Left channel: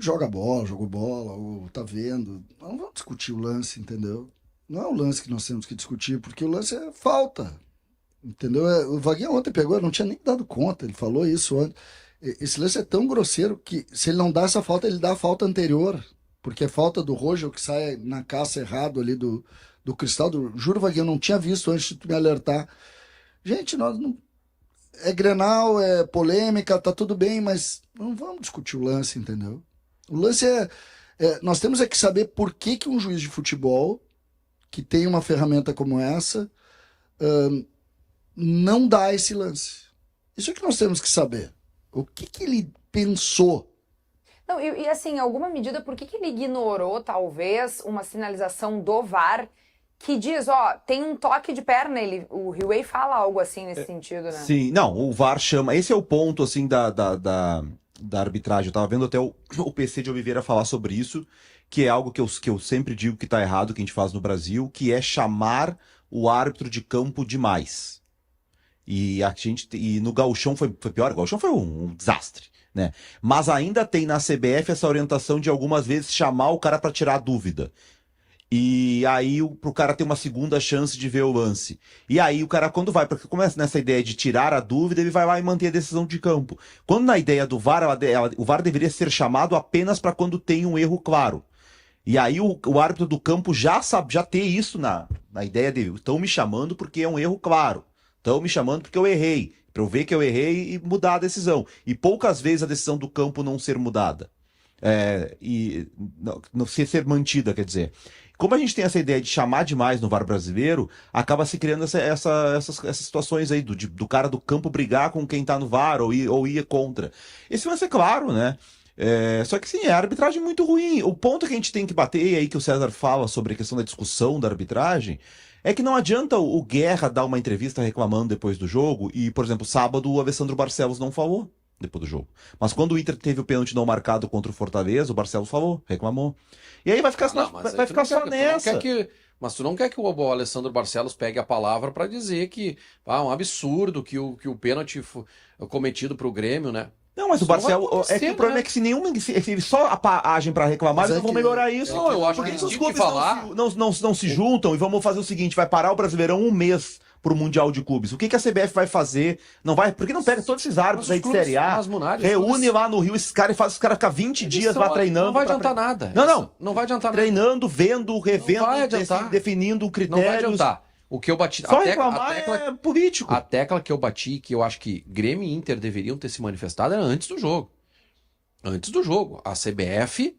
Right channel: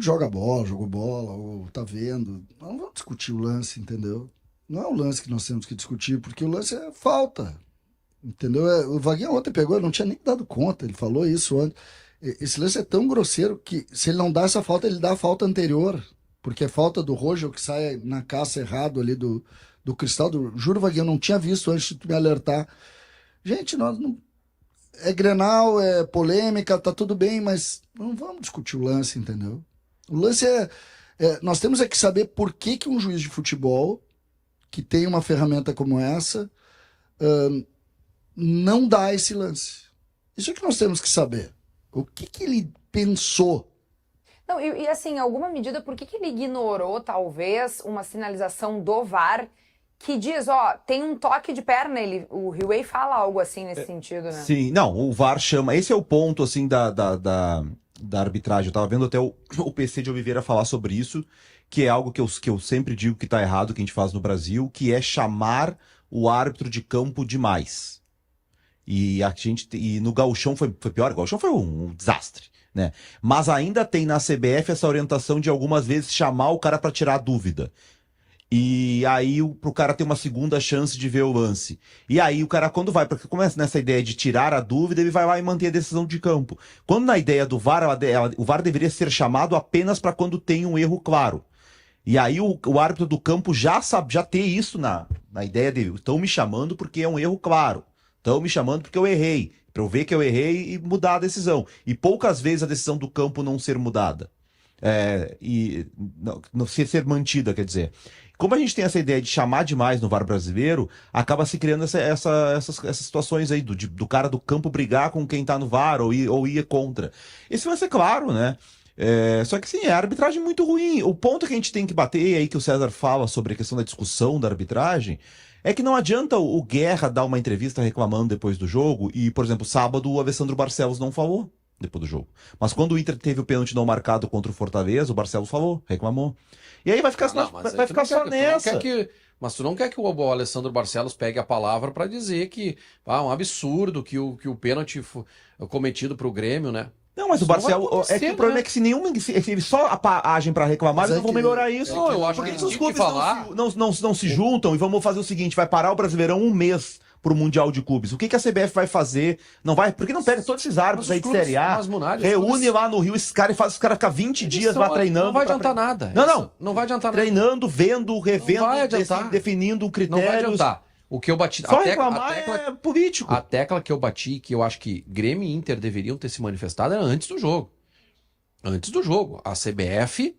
mundo joga bola, jogou bola, ou tá vendo. Não vamos discutir o lance, entendeu? Não é o lance que nós temos que discutir, porque o lance é falta. Entendeu? O Vaguinho ontem pegou, eu não tinha nem dado conta, ele falou isso ontem. Esse lance é tão grosseiro que se ele não dá essa falta, ele dá a falta anterior. Porque é falta do Rojo que sai na caça errado ali do Cristaldo. Juro, Vaguinho, eu não tinha visto antes de tu me alertar. Gente, nós não. É Grenal, é polêmica, tá tudo bem, mas não vamos discutir o lance, entendeu? O lance nós temos que saber por que, que um juiz de futebol, que tem uma ferramenta como essa, não dá esse lance. Isso é que nós temos que saber. O que, que ele pensou? Não, e assim, em alguma medida, por que que ele ignorou, talvez, uma sinalização do VAR que diz, ó, tem um toque de perna, o Huey fala algo assim nesse sentido, né? Sim, não, o VAR chama. Esse é o ponto, assim, da arbitragem. Eu tava vendo até o PC de Oliveira falar sobre isso, que é algo que eu sempre digo que tá errado, que a gente faz no Brasil, que é chamar o árbitro de campo demais. E no Gauchão foi pior, o Gauchão foi um desastre, né? Mas ainda tem na CBF essa orientação de algumas vezes chamar o cara para tirar a dúvida. E aí, pro cara ter uma segunda chance de ver o lance. E aí, o cara, quando vai, porque começa nessa ideia de tirar a dúvida, ele vai lá e manter a decisão de campo. Quando na ideia do VAR, o VAR deveria ser chamado apenas para quando tem um erro claro. E aí, o árbitro do campo já ter isso na ideia dele. Estão me chamando porque é um erro claro. Estão me chamando porque eu errei. Para eu ver que eu errei e mudar a decisão. E poucas vezes a decisão do campo não ser mudada. Não ser mantida, quer dizer. Como a gente tem essa ideia de chamar demais no VAR brasileiro, acaba se criando essas situações aí do cara do campo brigar com quem tá no VAR ou ir contra. Esse vai ser claro, né? Só que sim, é a arbitragem muito ruim. O ponto que a gente tem que bater, e aí que o César fala sobre a questão da discussão da arbitragem, é que não adianta o Guerra dar uma entrevista reclamando depois do jogo e, por exemplo, sábado o Alessandro Barcelos não falou depois do jogo. Mas quando o Inter teve o pênalti não marcado contra o Fortaleza, o Barcelos falou, reclamou. E aí vai ficar, vai ficar só nessa. Mas tu não quer que o Alessandro Barcelos pegue a palavra para dizer que é um absurdo que o pênalti cometido pro Grêmio, né? Não, mas o Barcelos. O problema é que se eles só agem para reclamar, eles não vão melhorar isso. Não, eu acho que eles tinham que falar. Não se juntam e vamos fazer o seguinte: vai parar o Brasileirão um mês pro Mundial de Clubes. O que a CBF vai fazer? Não vai? Por que não pega todos esses árbitros aí de Série A? Reúne lá no Rio esses caras e faz os caras ficar 20 dias lá treinando. Não vai adiantar nada. Não vai adiantar nada. Treinando, vendo, revendo, definindo critérios. Não vai adiantar. O que eu bati. Só reclamar é político. A tecla que eu bati, que eu acho que Grêmio e Inter deveriam ter se manifestado, era antes do jogo. Antes do jogo. A CBF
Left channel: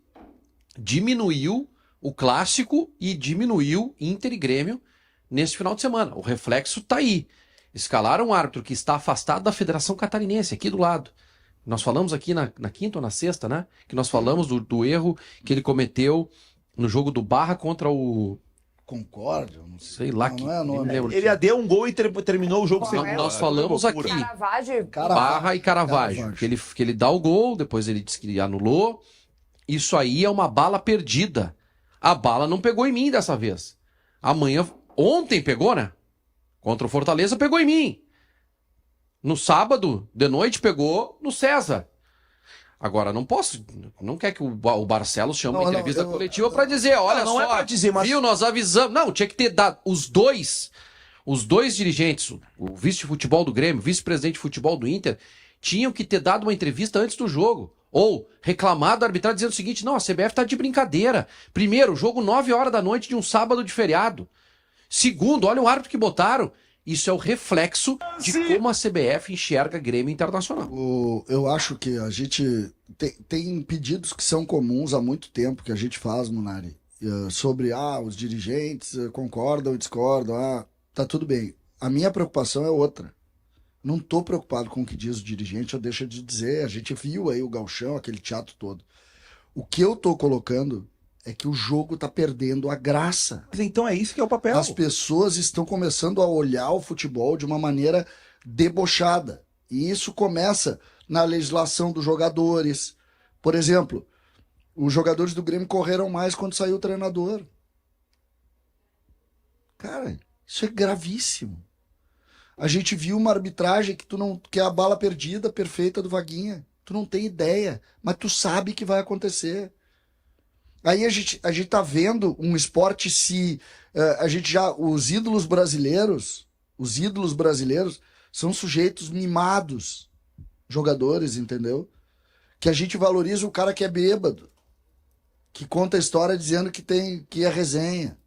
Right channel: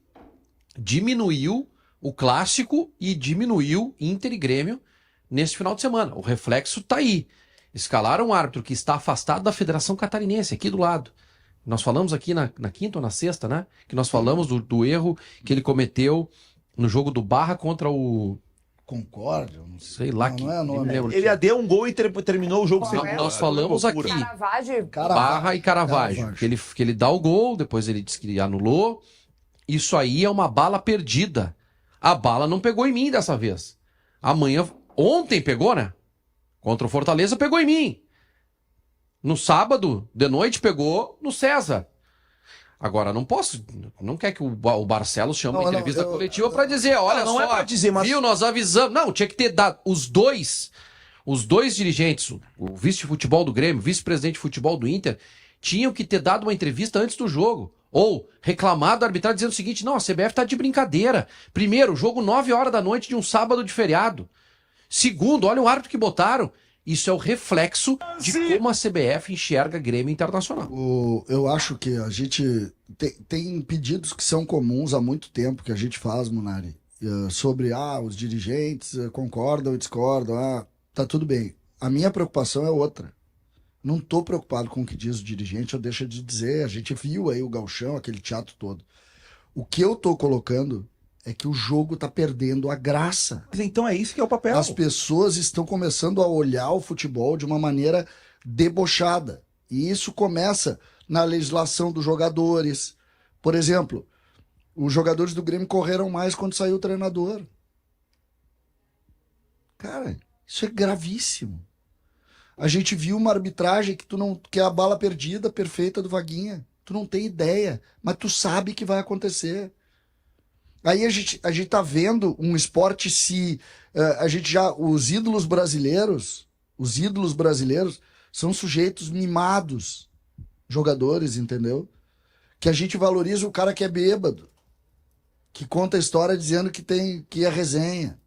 diminuiu o clássico e diminuiu Inter e Grêmio nesse final de semana. O reflexo tá aí. Escalaram um árbitro que está afastado da Federação Catarinense, aqui do lado. Nós falamos aqui na quinta ou na sexta, né? Que nós falamos do erro que ele cometeu no jogo do Barra contra o... Concórdia, não sei lá que ele deu um gol e terminou o jogo sem gol. Nós falamos aqui Barra e Caravaggio, que ele dá o gol, depois ele disse que anulou. Isso aí é uma bala perdida. A bala não pegou em mim dessa vez. Ontem pegou, né? Contra o Fortaleza pegou em mim. No sábado de noite pegou no César. Agora, não quer que o Barcelos chame uma entrevista coletiva para dizer, olha só, é pra dizer, mas... viu, nós avisamos. Não, tinha que ter dado os dois dirigentes, o vice de futebol do Grêmio, o vice-presidente de futebol do Inter, tinham que ter dado uma entrevista antes do jogo. Ou reclamado da arbitragem dizendo o seguinte, não, a CBF tá de brincadeira. Primeiro, jogo 9 horas da noite de um sábado de feriado. Segundo, olha o árbitro que botaram. Isso é o reflexo de como a CBF enxerga Grêmio Internacional. Eu acho que a gente tem pedidos que são comuns há muito tempo que a gente faz, Munari, sobre os dirigentes concordam e discordam, tá tudo bem. A minha preocupação é outra. Não estou preocupado com o que diz o dirigente, ou deixa de dizer. A gente viu aí o Gauchão, aquele teatro todo. O que eu estou colocando é que o jogo está perdendo a graça. Mas então é isso que é o papel. As pessoas estão começando a olhar o futebol de uma maneira debochada. E isso começa na legislação dos jogadores. Por exemplo, os jogadores do Grêmio correram mais quando saiu o treinador. Cara, isso é gravíssimo. A gente viu uma arbitragem que é a bala perdida perfeita do Vaguinha. Tu não tem ideia, mas tu sabe que vai acontecer. Aí a gente tá vendo um esporte os ídolos brasileiros são sujeitos mimados, jogadores, entendeu? Que a gente valoriza o cara que é bêbado, que conta a história dizendo que é resenha.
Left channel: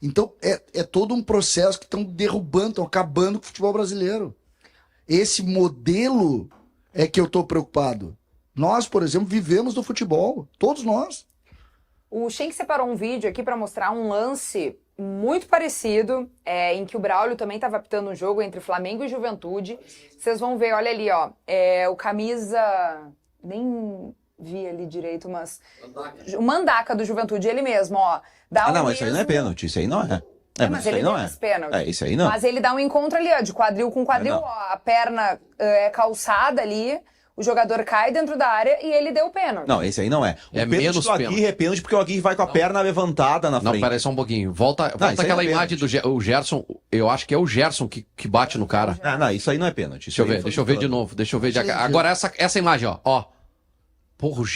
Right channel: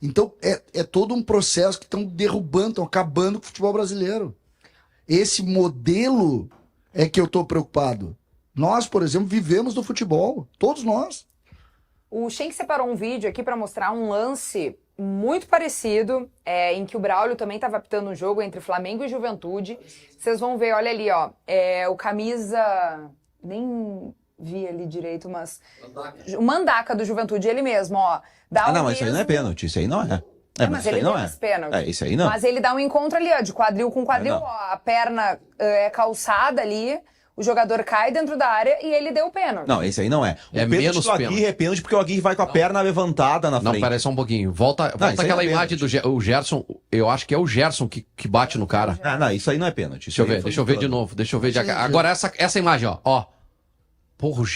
Então, é todo um processo que estão derrubando, estão acabando com o futebol brasileiro. Esse modelo é que eu estou preocupado. Nós, por exemplo, vivemos do futebol. Todos nós. O Schenck separou um vídeo aqui para mostrar um lance muito parecido, em que o Braulio também estava apitando um jogo entre Flamengo e Juventude. Vocês vão ver, olha ali, ó. O camisa... Nem vi ali direito, mas... O Mandaca do Juventude, ele mesmo, ó. Mas isso aí não é pênalti, isso aí não é. Mas ele deu esse pênalti. Isso aí não. Mas ele dá um encontro ali, ó, de quadril com quadril, ó, a perna é calçada ali, o jogador cai dentro da área e ele deu o pênalti. Não, esse aí não é. O pênalti menos do Aguirre é pênalti porque o Aguirre vai com a perna levantada na frente. Não, peraí só um pouquinho. Volta aquela imagem do Gerson. Eu acho que é o Gerson que bate no cara. Não, isso aí não é pênalti. Deixa eu ver de novo. Agora essa imagem, ó. Porra, o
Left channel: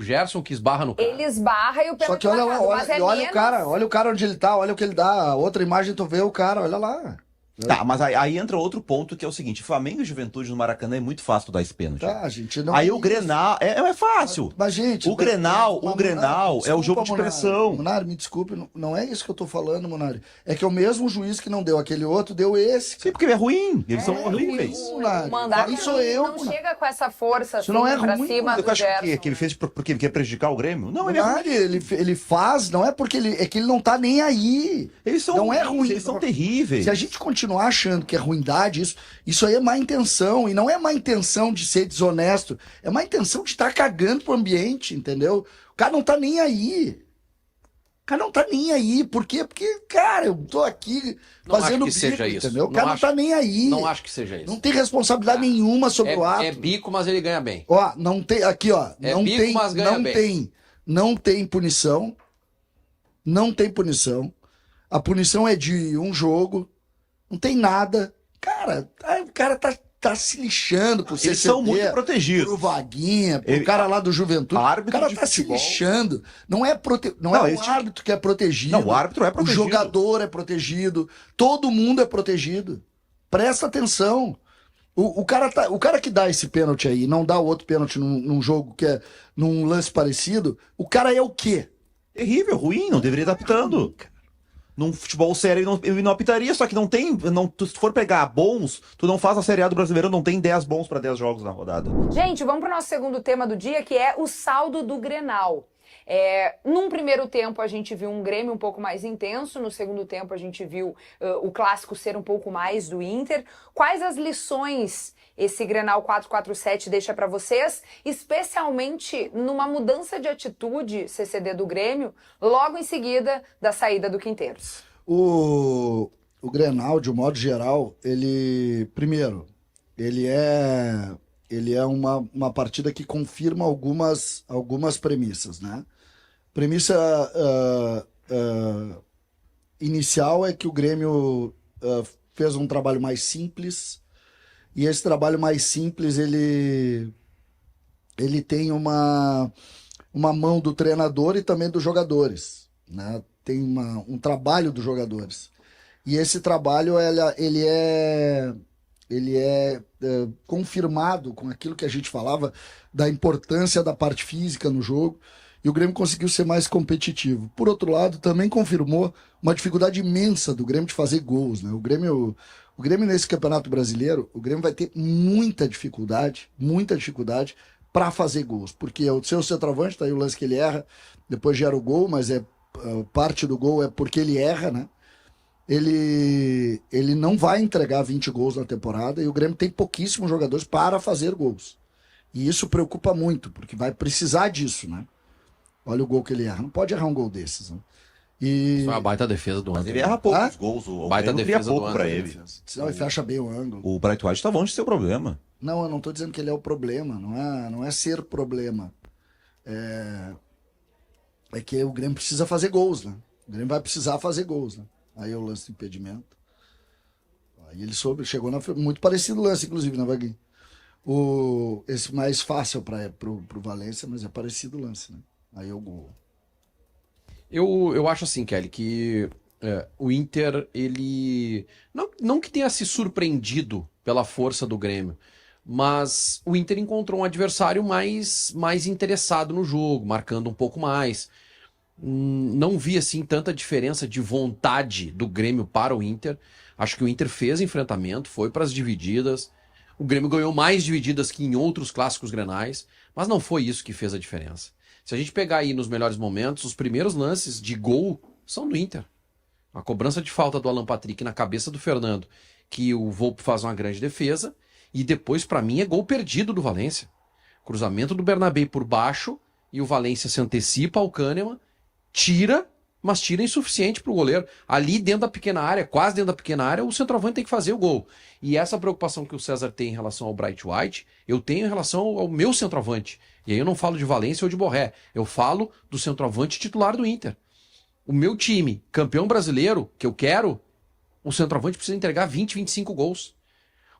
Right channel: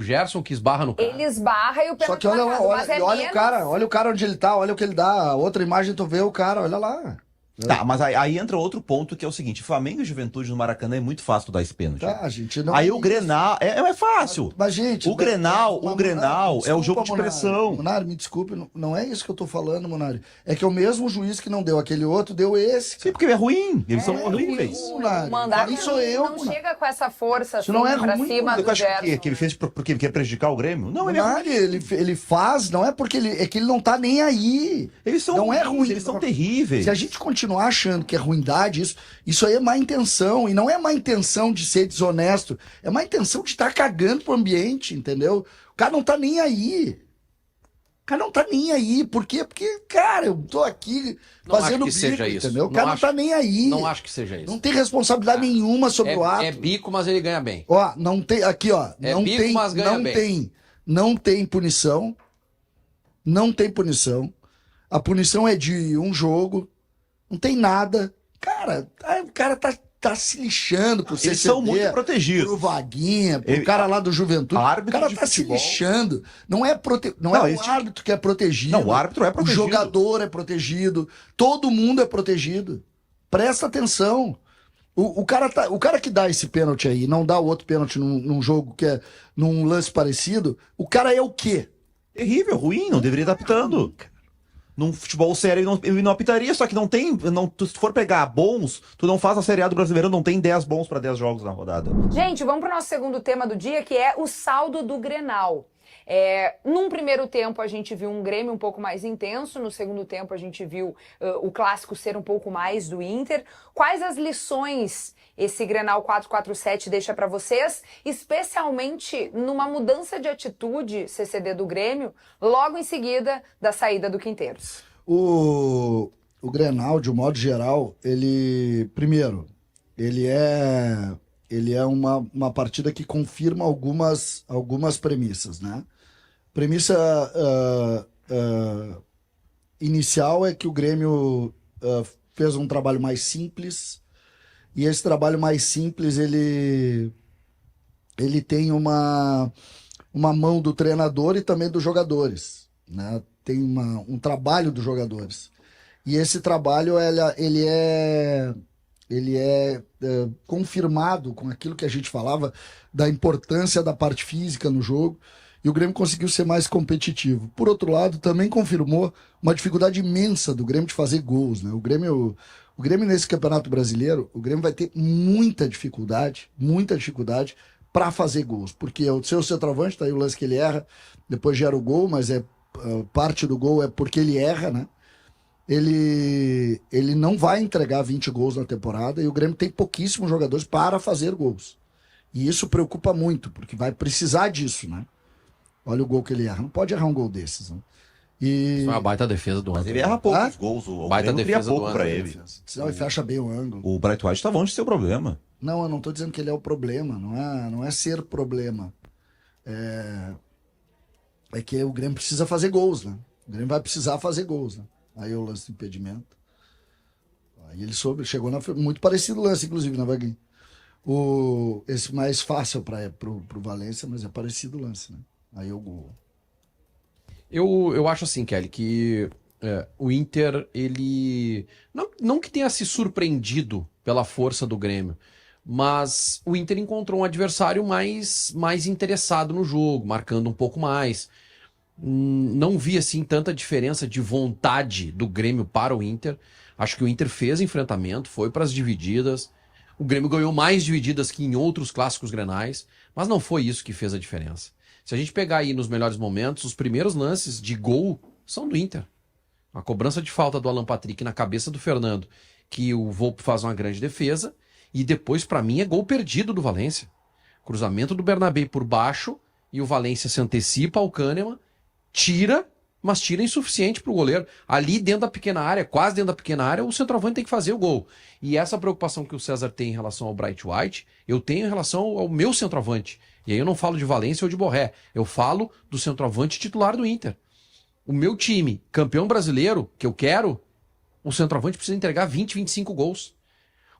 Gerson que esbarra no cara. Ele esbarra e o pênalti. Só que olha lá, olha o cara onde ele tá, olha o que ele dá. Outra imagem tu vê o cara, olha lá. Tá, mas aí entra outro ponto que é o seguinte: Flamengo e Juventude no Maracanã é muito fácil dar esse pênalti. Tá, gente, não aí o Grenal é fácil. Mas, gente, o Grenal é o jogo de pressão. Munari, me desculpe, não é isso que eu tô falando, Munari. É que é o mesmo juiz que não deu aquele outro, deu esse. Sim, porque é ruim. Eles são horríveis. O Mandaca não chega com essa força assim, não é pra ruim, cima do Gerson. Que ele fez porque ele quer prejudicar o Grêmio? Não, Munari, ele faz, não é porque é que ele não tá nem aí. Eles são não é ruim. Eles são terríveis. Se a gente continuar achando que é ruindade, isso aí é má intenção. E não é má intenção de ser desonesto. É má intenção de estar cagando pro ambiente, entendeu? O cara não tá nem aí. Por quê? Porque, cara, eu tô aqui fazendo bico, seja isso. entendeu? O cara não tá nem aí. Não acho que seja isso. Não tem responsabilidade nenhuma sobre o ato. É bico, mas ele ganha bem. Ó, não tem... Aqui, ó. Não tem punição. Não tem punição. A punição é de um jogo. Não tem nada. Cara, o cara tá se lixando pro CCD. Eles são muito protegidos. Pro Vaguinha, pro cara lá do Juventude. O cara tá se lixando. Não é o árbitro que é protegido. Não, o árbitro é protegido. O jogador é protegido. Todo mundo é protegido. Presta atenção. O cara que dá esse pênalti aí, não dá o outro pênalti num jogo que é num lance parecido, o cara é o quê? Terrível, ruim, não deveria estar apitando. Num futebol sério ele não apitaria, só que não tem. Se tu for pegar bons, tu não faz a Série A do Brasileiro, não tem 10 bons para 10 jogos na rodada. Gente, vamos pro nosso segundo tema do dia, que é o saldo do Grenal. Num primeiro tempo a gente viu um Grêmio um pouco mais intenso, no segundo tempo a gente viu o clássico ser um pouco mais do Inter. Quais as lições esse Grenal 4-4-7 deixa para vocês, especialmente numa mudança de atitude CCD do Grêmio, logo em seguida da saída do Quinteiros? O Grenal, de um modo geral, ele é uma partida que confirma algumas premissas, né? Premissa inicial é que o Grêmio fez um trabalho mais simples, e esse trabalho mais simples ele tem uma mão do treinador e também dos jogadores, né? Tem um trabalho dos jogadores, e esse trabalho ele é confirmado com aquilo que a gente falava da importância da parte física no jogo, e o Grêmio conseguiu ser mais competitivo. Por outro lado, também confirmou uma dificuldade imensa do Grêmio de fazer gols, né? O Grêmio nesse Campeonato Brasileiro, o Grêmio vai ter muita dificuldade para fazer gols, porque o seu centroavante, tá aí o lance que ele erra, depois gera o gol, mas parte do gol é porque ele erra, né? Ele não vai entregar 20 gols na temporada, e o Grêmio tem pouquíssimos jogadores para fazer gols. E isso preocupa muito, porque vai precisar disso, né? Olha o gol que ele erra. Não pode errar um gol desses, né? Isso é uma baita defesa do ano. Mas ele erra poucos gols. O baita defesa pouco para ele. Senão ele fecha bem o ângulo. O Bright White tá longe de ser o problema. Não, eu não tô dizendo que ele é o problema. Não é ser problema. É que o Grêmio precisa fazer gols, né? O Grêmio vai precisar fazer gols, né? Aí o lance de impedimento. Aí ele chegou muito parecido o lance, inclusive, né, Vaguinho? esse mais fácil pro Valência, mas é parecido o lance, né? Aí o gol. Eu acho assim, Kelly, que o Inter, ele... Não que tenha se surpreendido pela força do Grêmio, mas o Inter encontrou um adversário mais interessado no jogo, marcando um pouco mais. Não vi, assim, tanta diferença de vontade do Grêmio para o Inter. Acho que o Inter fez enfrentamento, foi para as divididas. O Grêmio ganhou mais divididas que em outros clássicos grenais, mas não foi isso que fez a diferença. Se a gente pegar aí nos melhores momentos, os primeiros lances de gol são do Inter. A cobrança de falta do Alan Patrick na cabeça do Fernando, que o Volpi faz uma grande defesa, e depois, para mim, é gol perdido do Valência. Cruzamento do Bernabé por baixo, e o Valência se antecipa ao Kahneman, tira, mas tira insuficiente para o goleiro. Ali dentro da pequena área, quase dentro da pequena área, o centroavante tem que fazer o gol. E essa preocupação que o César tem em relação ao Bright White, eu tenho em relação ao meu centroavante. E aí eu não falo de Valência ou de Borré, eu falo do centroavante titular do Inter. O meu time, campeão brasileiro, que eu quero, o centroavante precisa entregar 20, 25 gols.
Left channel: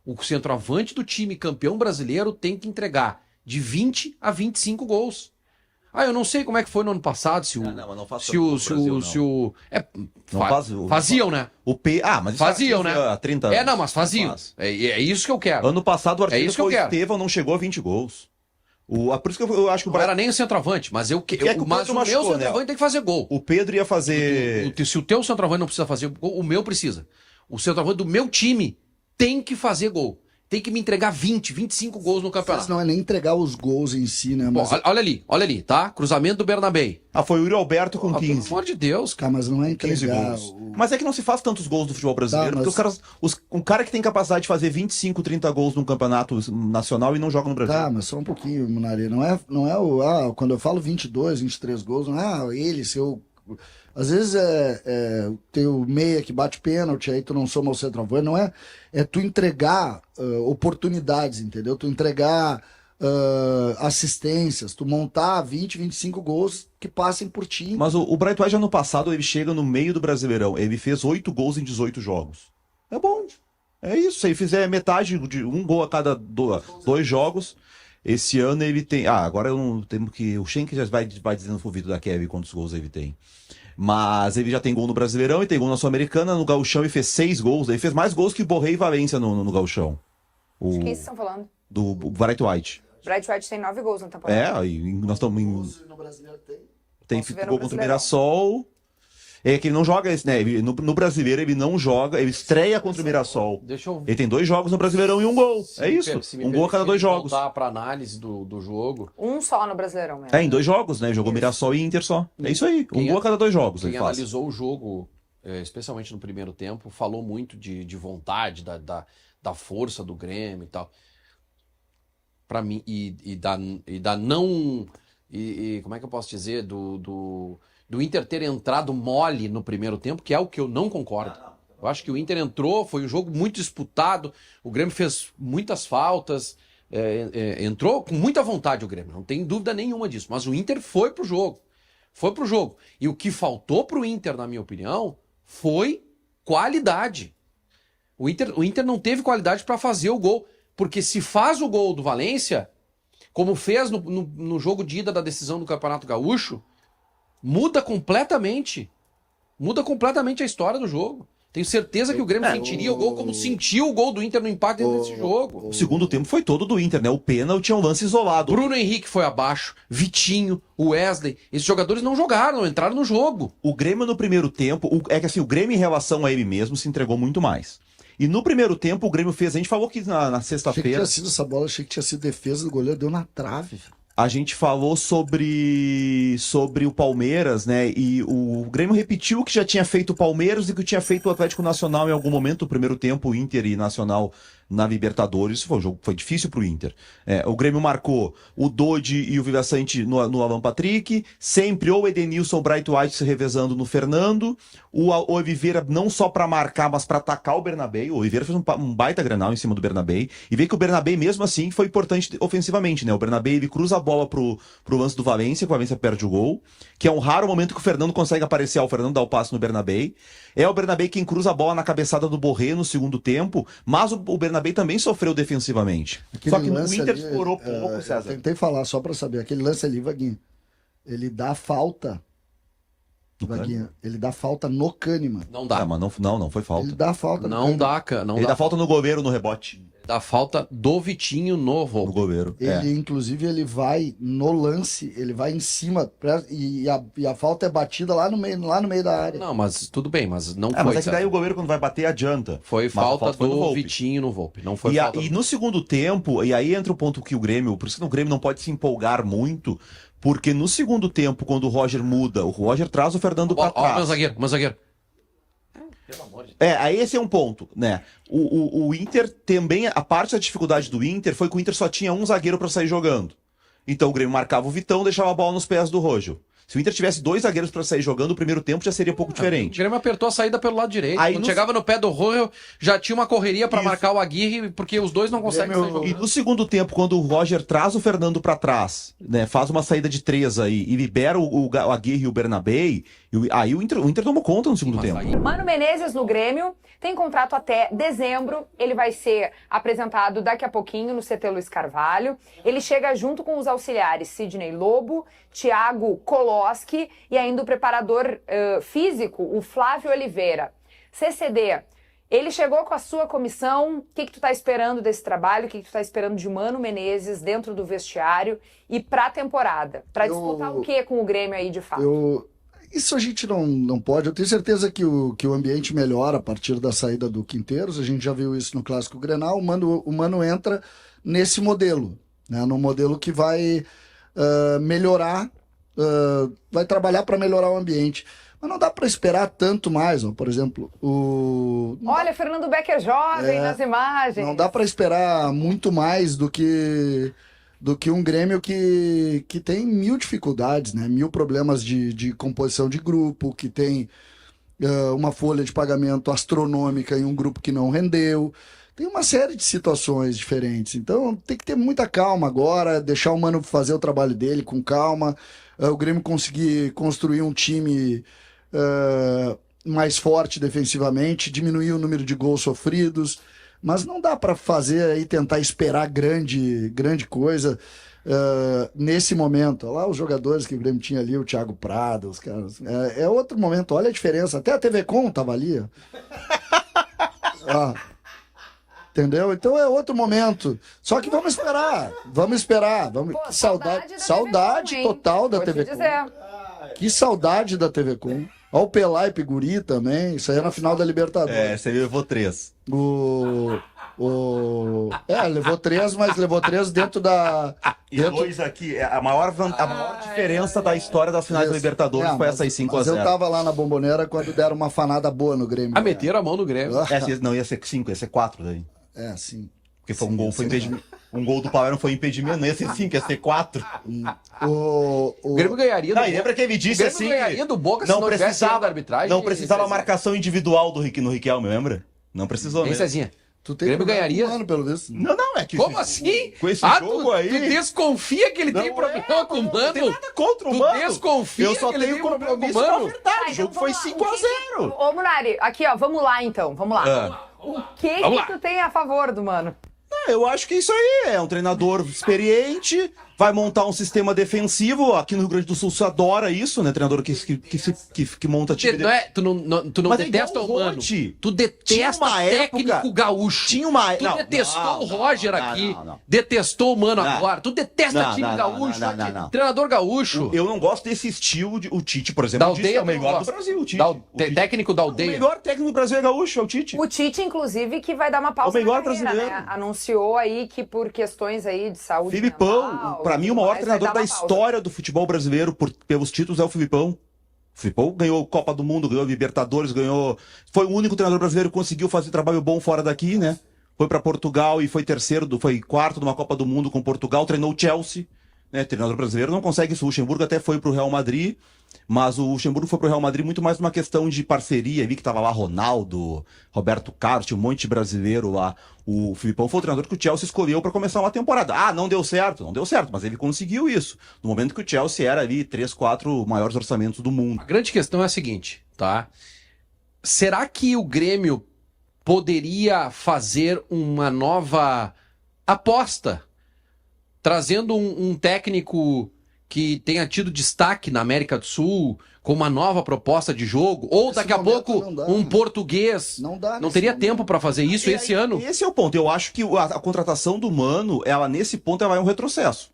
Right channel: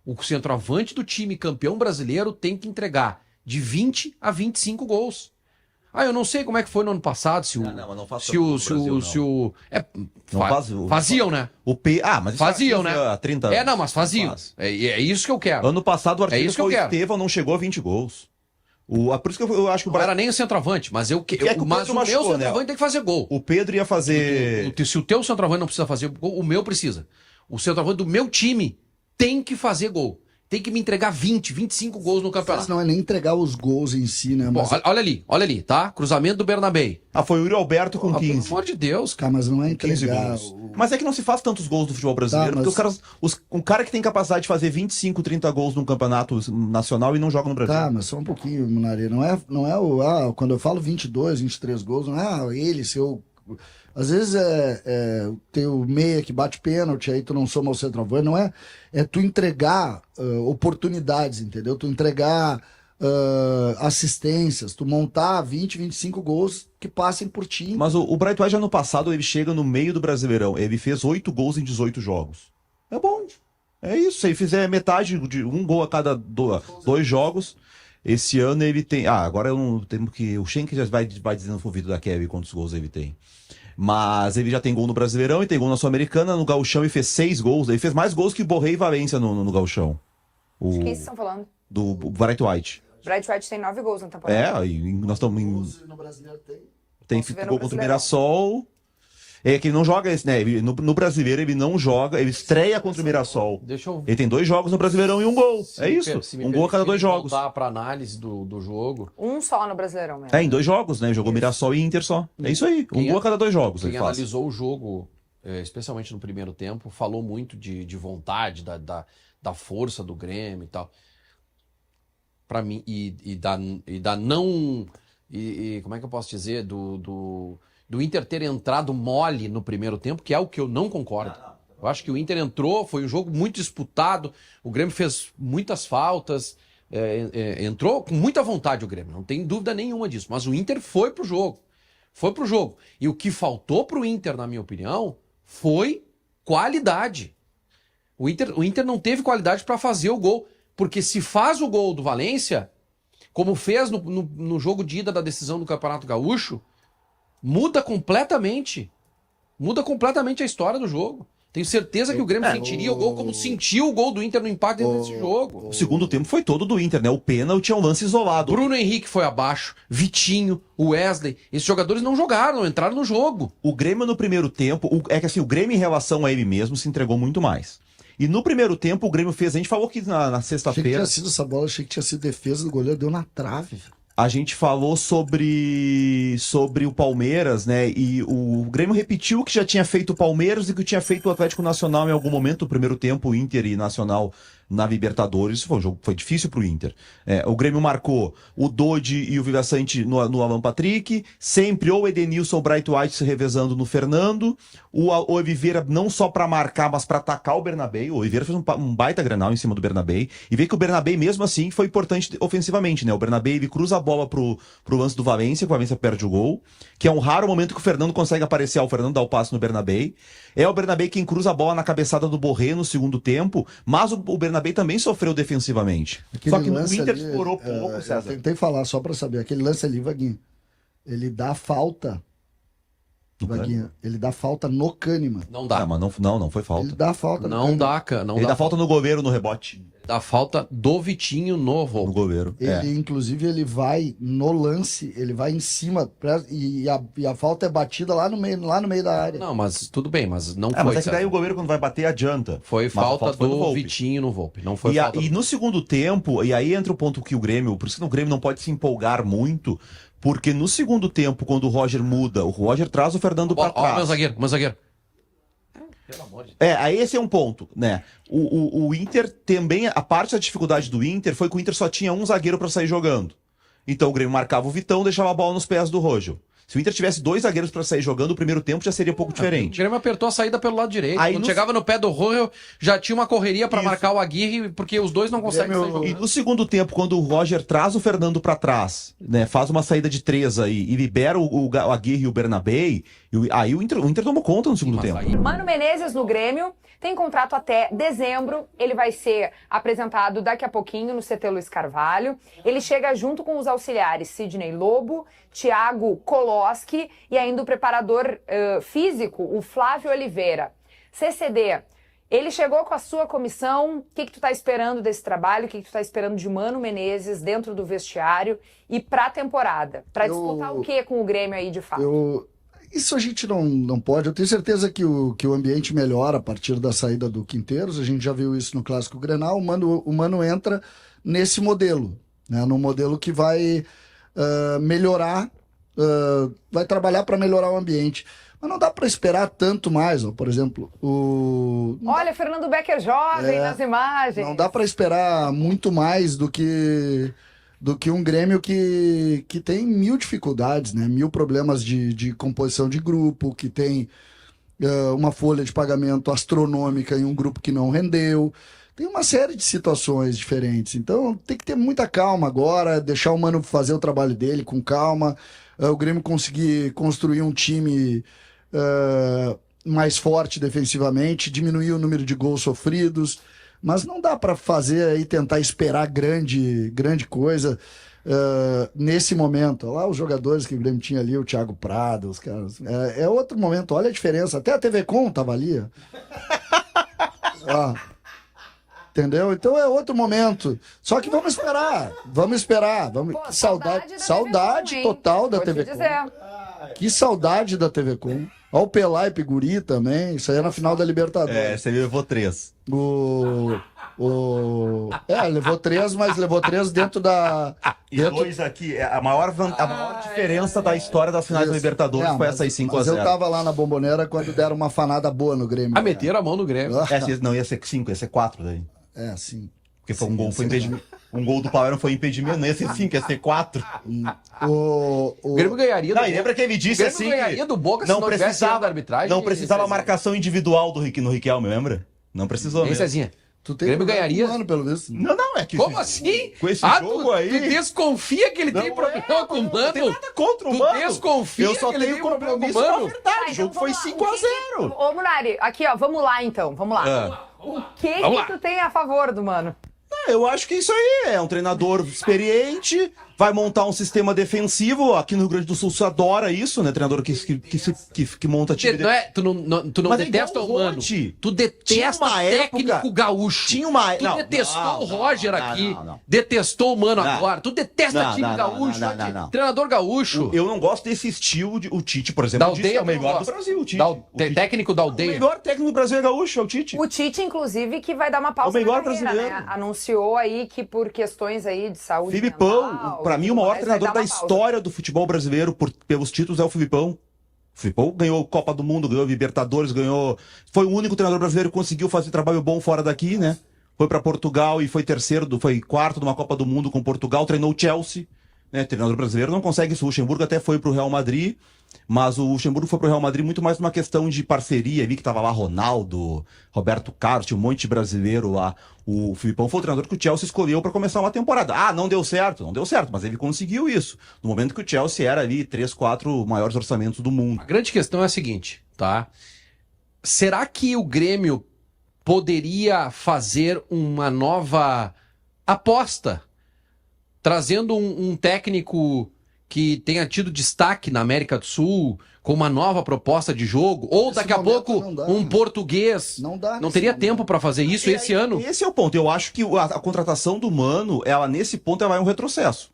O centroavante do time campeão brasileiro tem que entregar de 20 a 25 gols. Eu não sei como é que foi no ano passado, se o... Não, mas não faço faziam, né? Mas isso faziam, né? Há 30 anos. Mas faziam. É isso que eu quero. Ano passado o artilheiro isso que eu quero. Estevão não chegou a 20 gols. Por isso que eu acho que o Não era nem o centroavante, mas o meu centroavante tem que fazer gol. O Pedro ia fazer... Se o teu centroavante não precisa fazer gol, o meu precisa. O centroavante do meu time tem que fazer gol. Tem que me entregar 20, 25 gols no campeonato. Mas não é nem entregar os gols em si, né? Mas... Bom, olha ali, tá? Cruzamento do Bernabé. Foi o Yuri Alberto com 15. Pelo amor de Deus, cara. Mas não é entregar... Mas é que não se faz tantos gols do futebol brasileiro, porque um cara que tem capacidade de fazer 25, 30 gols num campeonato nacional e não joga no Brasil. Mas só um pouquinho, Munari. Não é quando eu falo 22, 23 gols, não é seu... Às vezes tem o meia que bate pênalti, aí tu não soma o centroavante, não é? É tu entregar oportunidades, entendeu? Tu entregar assistências, tu montar 20, 25 gols que passem por ti. Mas o Bright White, ano passado, ele chega no meio do Brasileirão, ele fez 8 gols em 18 jogos. É bom, é isso. Se ele fizer metade de um gol a cada 2 jogos, esse ano ele tem... agora eu não temo que... O Schenck já vai dizendo no ouvido da Kevin quantos gols ele tem. Mas ele já tem gol no Brasileirão e tem gol na Sul-Americana. No Gauchão ele fez 6 gols. Ele fez mais gols que Borré e Valência no Gauchão. De quem vocês estão falando? Do Bright White. Bright White tem 9 gols na temporada. E nós estamos em... No Brasileiro Tem gol contra o Mirassol. É que ele não joga esse, né? No Brasileiro ele não joga, ele estreia contra o Mirassol. Ele tem 2 jogos no Brasileirão e 1 gol. É isso. Um gol a cada 2 jogos. Voltar pra análise do jogo. Um só no Brasileirão mesmo. Em 2 jogos, né? Jogou Mirassol e Inter só. É isso aí. Um gol a cada 2 jogos. Quem analisou o jogo, especialmente no primeiro tempo, falou muito de vontade, da força do Grêmio e tal. Pra mim, como é que eu posso dizer? Do Inter ter entrado mole no primeiro tempo, que é o que eu não concordo. Eu acho que o Inter entrou, foi um jogo muito disputado, o Grêmio fez muitas faltas, entrou com muita vontade o Grêmio, não tem dúvida nenhuma disso, mas o Inter foi pro jogo. E o que faltou pro Inter, na minha opinião, foi qualidade. O Inter não teve qualidade para fazer o gol, porque se faz o gol do Valência, como fez no jogo de ida da decisão do Campeonato Gaúcho, muda completamente a história do jogo. Tenho certeza que o Grêmio sentiria o gol como sentiu o gol do Inter no empate desse jogo. O segundo tempo foi todo do Inter, né? O pênalti tinha um lance isolado. Bruno Henrique foi abaixo, Vitinho, o Wesley, esses jogadores não jogaram, não entraram no jogo. O Grêmio no primeiro tempo, o Grêmio em relação a ele mesmo se entregou muito mais. E no primeiro tempo o Grêmio fez, a gente falou que na sexta-feira... Achei que tinha sido essa bola, achei que tinha sido defesa do goleiro, deu na trave. A gente falou sobre o Palmeiras, né? E o Grêmio repetiu o que já tinha feito o Palmeiras e que tinha feito o Atlético Nacional em algum momento. No primeiro tempo, o Inter e Nacional na Libertadores. Foi difícil pro Inter. O Grêmio marcou o Dodi e o Vivaçante no Alan Patrick. Sempre ou o Edenilson ou o Bright White se revezando no Fernando. O Oliveira não só para marcar, mas para atacar o Bernabé. O Oliveira fez um baita Grenal em cima do Bernabé. E vê que o Bernabé, mesmo assim, foi importante ofensivamente, né? O Bernabé, ele cruza a bola pro lance do Valência, que o Valência perde o gol. Que é um raro momento que o Fernando consegue aparecer. O Fernando dá o passe no Bernabé. É o Bernabé quem cruza a bola na cabeçada do Borré no segundo tempo. Mas o Bernabé Bernabéu também sofreu defensivamente. Aquele Só que o lance Inter ali, explorou pouco, eu César. tentei falar só pra saber. Aquele lance ali, Vaguinho, ele dá falta. No Vaguinho, ele dá falta no Kahneman. Não Ah, dá. mas não foi falta. Ele dá falta no Não Kahneman. dá, cara. Não Ele dá dá falta no goleiro no rebote. Dá falta do Vitinho no No Volpe. goleiro. Ele, inclusive, ele vai no lance, ele vai em cima e a falta é batida lá no meio da área. Não, mas tudo bem, mas não Mas foi. é que daí César. o goleiro quando vai bater adianta. Foi Mas a falta foi no do Volpe. Vitinho no Volpe. Não foi E, falta. e no segundo tempo, e aí entra o ponto que o Grêmio, por isso que o Grêmio não pode se empolgar muito, porque no segundo tempo, quando o Roger muda, o Roger traz o Fernando pra Ó, meu trás. zagueiro, meu zagueiro. Pelo amor de Deus. Aí esse é um ponto, né? O Inter também, a parte da dificuldade do Inter foi que o Inter só tinha um zagueiro pra sair jogando. Então o Grêmio marcava o Vitão, deixava a bola nos pés do Roger. Se o Inter tivesse 2 zagueiros pra sair jogando, o primeiro tempo já seria um pouco O diferente. Grêmio apertou a saída pelo lado direito. Aí Quando no- chegava no pé do Royal, já tinha uma correria pra Isso. marcar o Aguirre, porque os dois não conseguem Grêmio- sair jogando. E no segundo tempo, quando o Roger traz o Fernando pra trás, né, faz uma saída de 3 aí e libera o Aguirre e o Bernabéu, aí o Inter tomou conta no segundo Mas tempo. aí- Mano Menezes no Grêmio tem contrato até dezembro. Ele vai ser apresentado daqui a pouquinho no CT Luiz Carvalho. Ele chega junto com os auxiliares Sidney Lobo, Thiago Koloski e ainda o preparador físico, o Flávio Oliveira. CCD, ele chegou com a sua comissão. O que tu tá esperando desse trabalho? O que tu tá esperando de Mano Menezes dentro do vestiário e pra temporada? Pra Eu- disputar o que com o Grêmio aí de fato? Isso a gente não pode. Eu tenho certeza que o ambiente melhora a partir da saída do Quinteiros. A gente já viu isso no Clássico Grenal. O Mano entra nesse modelo, né? No modelo que vai melhorar, vai trabalhar para melhorar o ambiente. Mas não dá para esperar tanto mais. Ó. Por exemplo, Olha, Fernando Becker jovem nas imagens. não dá para esperar muito mais do que um Grêmio que tem 1000 dificuldades, né? 1000 problemas de composição de grupo, que tem uma folha de pagamento astronômica em um grupo que não rendeu. Tem uma série de situações diferentes. Então tem que ter muita calma agora, deixar o Mano fazer o trabalho dele com calma. O Grêmio conseguir construir um time mais forte defensivamente, diminuir o número de gols sofridos. Mas não dá para fazer aí, tentar esperar grande coisa nesse momento. Olha lá os jogadores que o Grêmio tinha ali, o Thiago Prado, os caras. É outro momento, olha a diferença. Até a TV Com tava ali. Ó. Entendeu? Então é outro momento. Só que vamos esperar. Pô, Saudade hein? total da Vou te TV Com. dizer. Que saudade da TV Com. Olha o Pelé e Piguri também. Isso aí é na final da Libertadores. Você levou 3. Levou 3, mas levou 3 dentro da. E Dentro... 2 aqui, a maior diferença da história das finais da Libertadores foi essa aí 5x0. Mas eu tava lá na Bombonera quando deram uma fanada boa no Grêmio. Ah, meteram a mão no Grêmio. Não, ia ser 5, ia ser 4 daí. Sim. Porque foi Sim, um gol, foi sim. impedimento. Um gol do Palmeiras foi impedimento, não ia ser 5, ia ser 4. O Grêmio ganharia do Não, e lembra que ele O disse Grêmio assim. ganharia do Boca se não não tivesse erro da arbitragem. Não precisava Cezinha. marcação individual no Riquelme, lembra? Não precisou Hein, mesmo. Cezinha? Tu tem Grêmio problema ganharia? com o Mano, pelo visto. Não, é que. Como assim? Com esse Ah, jogo tu aí. desconfia que ele tem Não problema com o Não tem Mano? nada contra o Tu Mano. desconfia Eu só que ele tenho tem problema com o compromisso com a Mano? verdade. Tá, O então jogo foi vamos lá. 5x0. Ô, Munari, aqui, ó, vamos lá então, vamos lá. O que Vamos lá. tu tem a favor do Mano? Eu acho que isso aí é um treinador experiente, vai montar um sistema defensivo. Aqui no Rio Grande do Sul se adora isso, né? Treinador que monta time Não é, tu não Mas é detesta igual o o Mano. Rote. Tu Tinha detesta uma técnico época- gaúcho. Tinha uma. Tu não, detestou não, o Roger não, aqui. não. Detestou o Mano Não. agora. Tu detesta Não, time não, gaúcho. não, não, não. Treinador gaúcho. Eu não gosto desse estilo de. O Tite, por Da exemplo, aldeia é o tu não melhor do gosta. Brasil. O Tite. Técnico da O aldeia. melhor técnico do Brasil é gaúcho, é o Tite. O Tite, inclusive, que vai dar uma pausa O melhor na carreira, brasileiro. né? Anunciou aí que por questões aí de saúde Filipão, mental, pra mim, o tudo maior mais, vai treinador dar da uma pausa. história do futebol brasileiro pelos títulos é o Filipão. O Filipão ganhou Copa do Mundo, ganhou Libertadores, ganhou. Foi o único treinador brasileiro que conseguiu fazer trabalho bom fora daqui, né? Foi pra Portugal e foi foi quarto numa Copa do Mundo com Portugal, treinou o Chelsea, né? Treinador brasileiro não consegue isso. O Luxemburgo até foi pro Real Madrid, mas o Luxemburgo foi pro Real Madrid muito mais uma questão de parceria. Vi que tava lá Ronaldo, Roberto Carlos, tinha um monte de brasileiro lá. O Filipão foi o treinador que o Chelsea escolheu para começar uma temporada. Ah, não deu certo, mas ele conseguiu isso. No momento que o Chelsea era ali 3, 4 maiores orçamentos do mundo. A grande questão é a seguinte, tá? Será que o Grêmio poderia fazer uma nova aposta, trazendo um técnico que tenha tido destaque na América do Sul, com uma nova proposta de jogo, ou daqui a pouco um português. Não teria tempo para fazer isso esse ano. Esse é o ponto. Eu acho que a contratação do Mano, nesse ponto, ela é um retrocesso.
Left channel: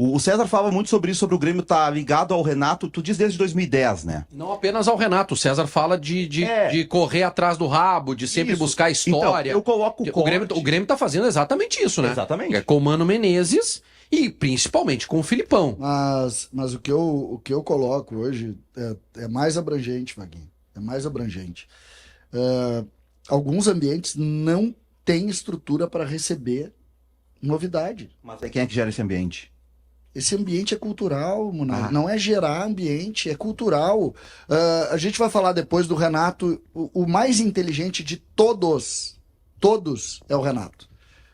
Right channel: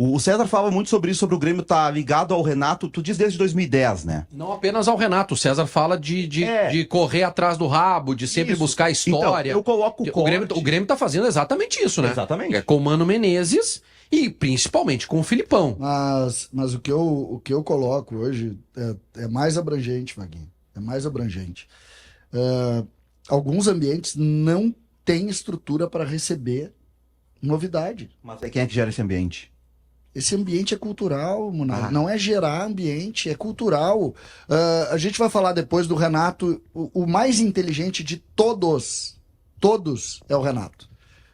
O César fala muito sobre isso, sobre o Grêmio estar ligado ao Renato, tu diz desde 2010, né? Não apenas ao Renato, o César fala de correr atrás do rabo, de sempre buscar história. Então, eu coloco o Grêmio tá fazendo exatamente isso, né? Exatamente. É com o Mano Menezes e principalmente com o Filipão. Mas o que eu coloco hoje é mais abrangente, Vaguinho. É mais abrangente. Alguns ambientes não têm estrutura para receber novidade. Mas quem é que gera esse ambiente? Esse ambiente é cultural, Munari. Não é gerar ambiente, é cultural. A gente vai falar depois do Renato, o mais inteligente de todos é o Renato.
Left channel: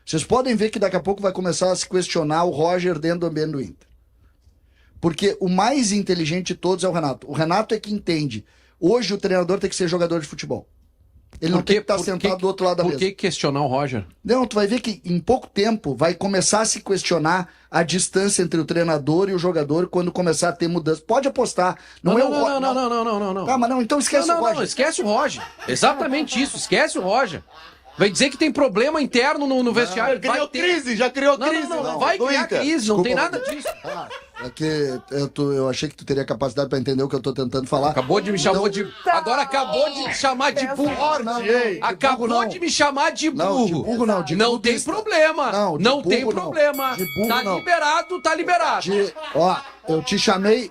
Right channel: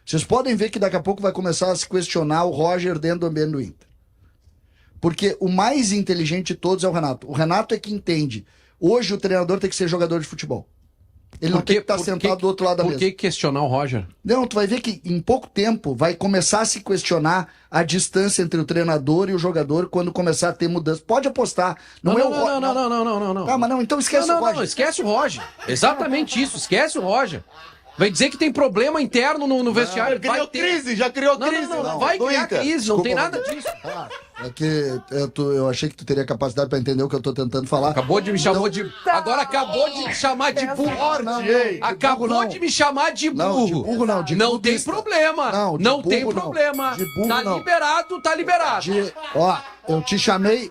Vocês podem ver que daqui a pouco vai começar a se questionar o Roger dentro do ambiente do Inter. Porque o mais inteligente de todos é o Renato. O Renato é que entende. Hoje o treinador tem que ser jogador de futebol. Ele não tem que estar sentado do outro lado da mesa. Por que questionar o Roger? Não, tu vai ver que em pouco tempo vai começar a se questionar a distância entre o treinador e o jogador quando começar a ter mudança. Pode apostar. Não. Ah, mas não, então esquece o Roger. Não, esquece o Roger. Exatamente isso, esquece o Roger. Vai dizer que tem problema interno no vestiário. Já criou crise. Não, vai criar crise, não tem nada disso. É que eu achei que tu teria capacidade para entender o que eu tô tentando falar. Acabou de me chamar de... Agora acabou de me chamar de burro. Acabou de me chamar de burro. Não, de burro não. Não tem problema. Não tem problema. Tá liberado. Eu te chamei...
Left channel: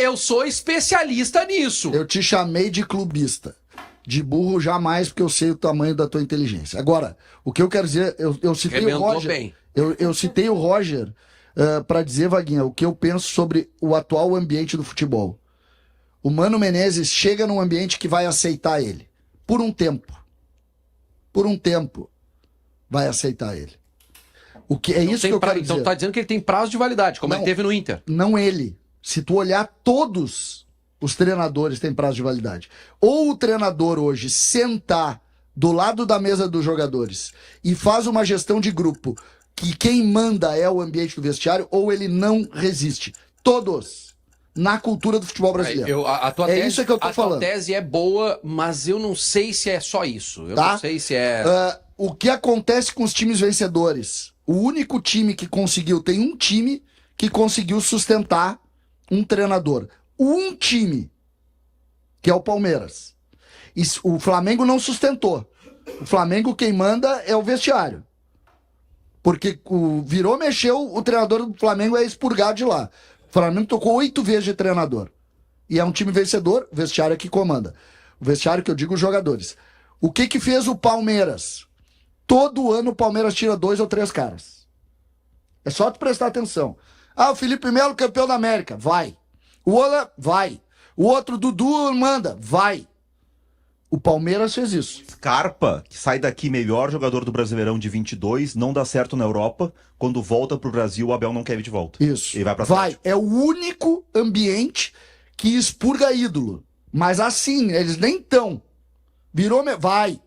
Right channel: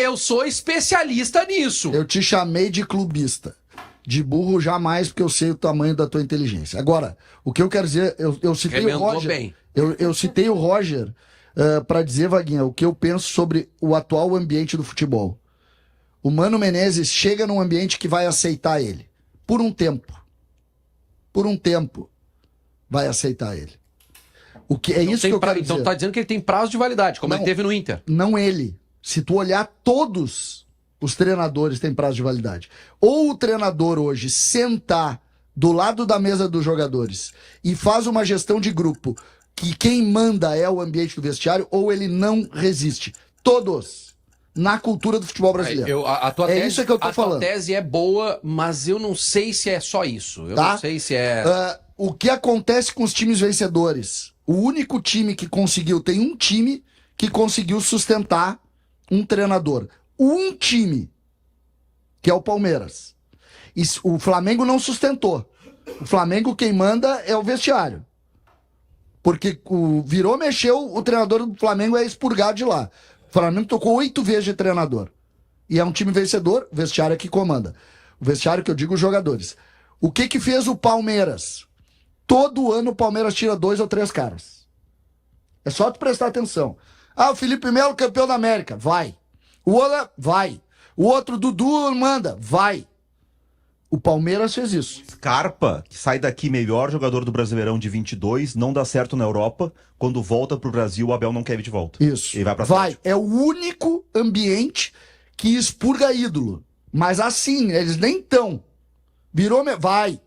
Eu sou especialista nisso. Eu te chamei de clubista. De burro jamais, porque eu sei o tamanho da tua inteligência. Agora, o que eu quero dizer, eu citei o Roger. Eu citei o Roger para dizer, Vaguinha, o que eu penso sobre o atual ambiente do futebol. O Mano Menezes chega num ambiente que vai aceitar ele. Por um tempo. Por um tempo. Vai aceitar ele. O que é então isso que eu quero dizer. Então tá dizendo que ele tem prazo de validade, como ele teve no Inter. Não ele. Se tu olhar todos os treinadores têm prazo de validade. Ou o treinador hoje sentar do lado da mesa dos jogadores e faz uma gestão de grupo que quem manda é o ambiente do vestiário, ou ele não resiste. Todos. Na cultura do futebol brasileiro. Isso que eu tô falando. A tua tese é boa, mas eu não sei se é só isso. Eu não sei se é... o que acontece com os times vencedores? O único time que conseguiu... Tem um time que conseguiu sustentar um treinador. Um time, que é o Palmeiras. O Flamengo não sustentou. O Flamengo, quem manda é o vestiário. Porque mexeu, o treinador do Flamengo é expurgado de lá. O Flamengo tocou 8 vezes de treinador. E é um time vencedor, o vestiário é que comanda. O vestiário que eu digo, os jogadores. O que fez o Palmeiras? Todo ano o Palmeiras tira 2 ou 3 caras. É só tu prestar atenção. O Felipe Melo, campeão da América. Vai. O Ola, vai. O outro, Dudu, manda. Vai. O Palmeiras fez isso. Scarpa, que sai daqui melhor jogador do Brasileirão de 22, não dá certo na Europa. Quando volta pro Brasil, o Abel não quer ir de volta. Isso. Ele vai pra Vai. É o único ambiente que expurga ídolo. Mas assim, eles nem tão. Vai.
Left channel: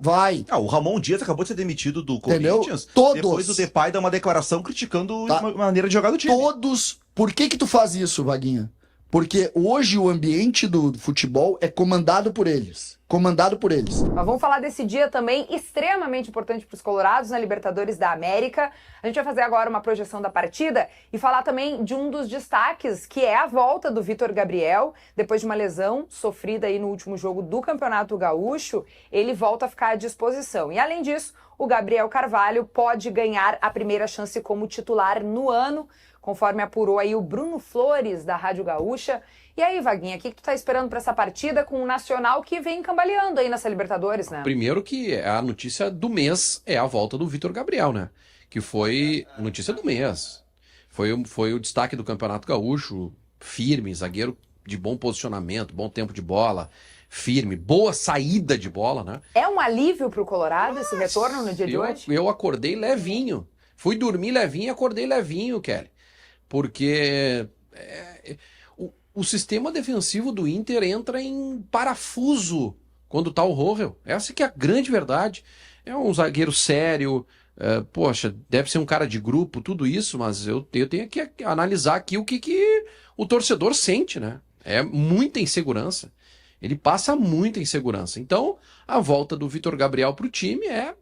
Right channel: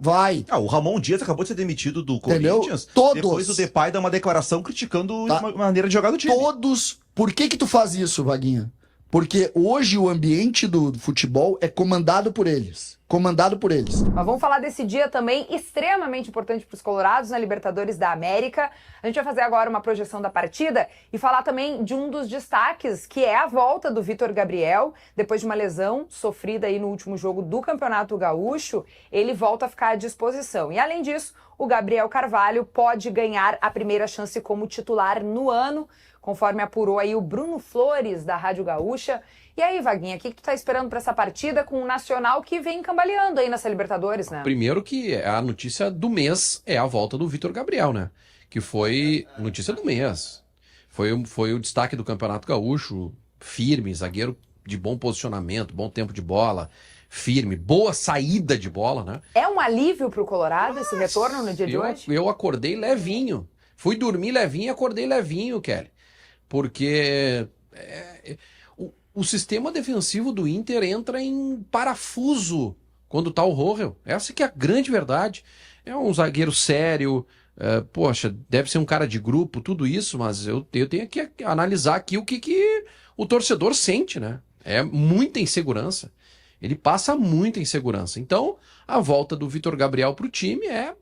Vai. O Ramon Dias acabou de ser demitido do Corinthians. Depois o Depay dá uma declaração criticando a maneira de jogar do time. Todos. Por que tu faz isso, Vaguinha? Porque hoje o ambiente do futebol é comandado por eles. Mas vamos falar desse dia também extremamente importante para os colorados na Libertadores da América. A gente vai fazer agora uma projeção da partida e falar também de um dos destaques, que é a volta do Vitor Gabriel. Depois de uma lesão sofrida aí no último jogo do Campeonato Gaúcho, ele volta a ficar à disposição. E além disso, o Gabriel Carvalho pode ganhar a primeira chance como titular no ano, conforme apurou aí o Bruno Flores, da Rádio Gaúcha. E aí, Vaguinha, o que tu tá esperando para essa partida com o Nacional que vem cambaleando aí nessa Libertadores, né? Primeiro que a notícia do mês é a volta do Vitor Gabriel, né? Que foi notícia do mês. Foi o destaque do Campeonato Gaúcho, firme, zagueiro de bom posicionamento, bom tempo de bola, firme, boa saída de bola, né? É um alívio pro Colorado esse retorno no dia de hoje? Eu acordei levinho. Fui dormir levinho e acordei levinho, Kelly. Porque o sistema defensivo do Inter entra em parafuso quando tá o Rohel. Essa que é a grande verdade. É um zagueiro sério, poxa, deve ser um cara de grupo, tudo isso, mas eu tenho que analisar aqui o que o torcedor sente, né? É muita insegurança. Ele passa muita insegurança. Então, a volta do Vitor Gabriel para o time é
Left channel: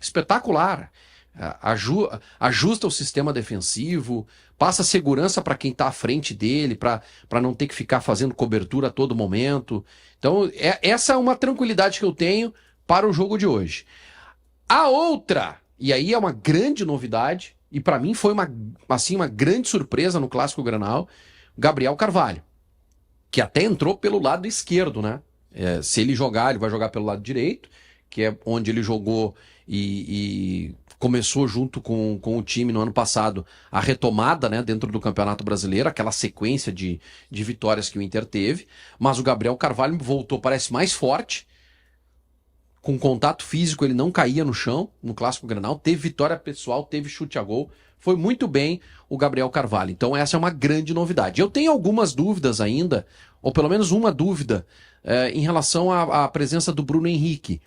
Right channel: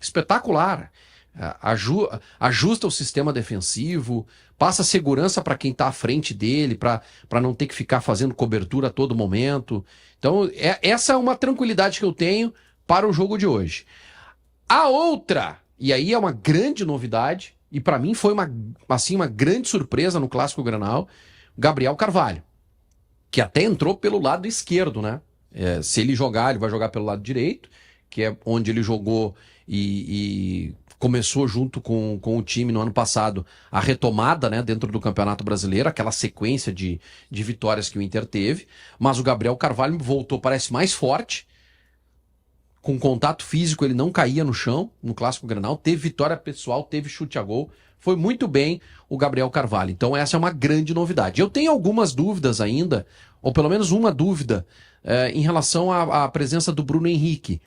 espetacular. Ajusta o sistema defensivo, passa segurança para quem está à frente dele, para não ter que ficar fazendo cobertura a todo momento. Então, essa é uma tranquilidade que eu tenho para o jogo de hoje. A outra, e aí é uma grande novidade, e para mim foi uma grande surpresa no Clássico Grenal, Gabriel Carvalho, que até entrou pelo lado esquerdo, né? Se ele jogar, ele vai jogar pelo lado direito, que é onde ele jogou e começou junto com o time no ano passado a retomada, né, dentro do Campeonato Brasileiro, aquela sequência de vitórias que o Inter teve, mas o Gabriel Carvalho voltou, parece mais forte, com contato físico, ele não caía no chão no Clássico Grenal, teve vitória pessoal, teve chute a gol, foi muito bem o Gabriel Carvalho. Então essa é uma grande novidade. Eu tenho algumas dúvidas ainda, ou pelo menos uma dúvida, em relação à presença do Bruno Henrique,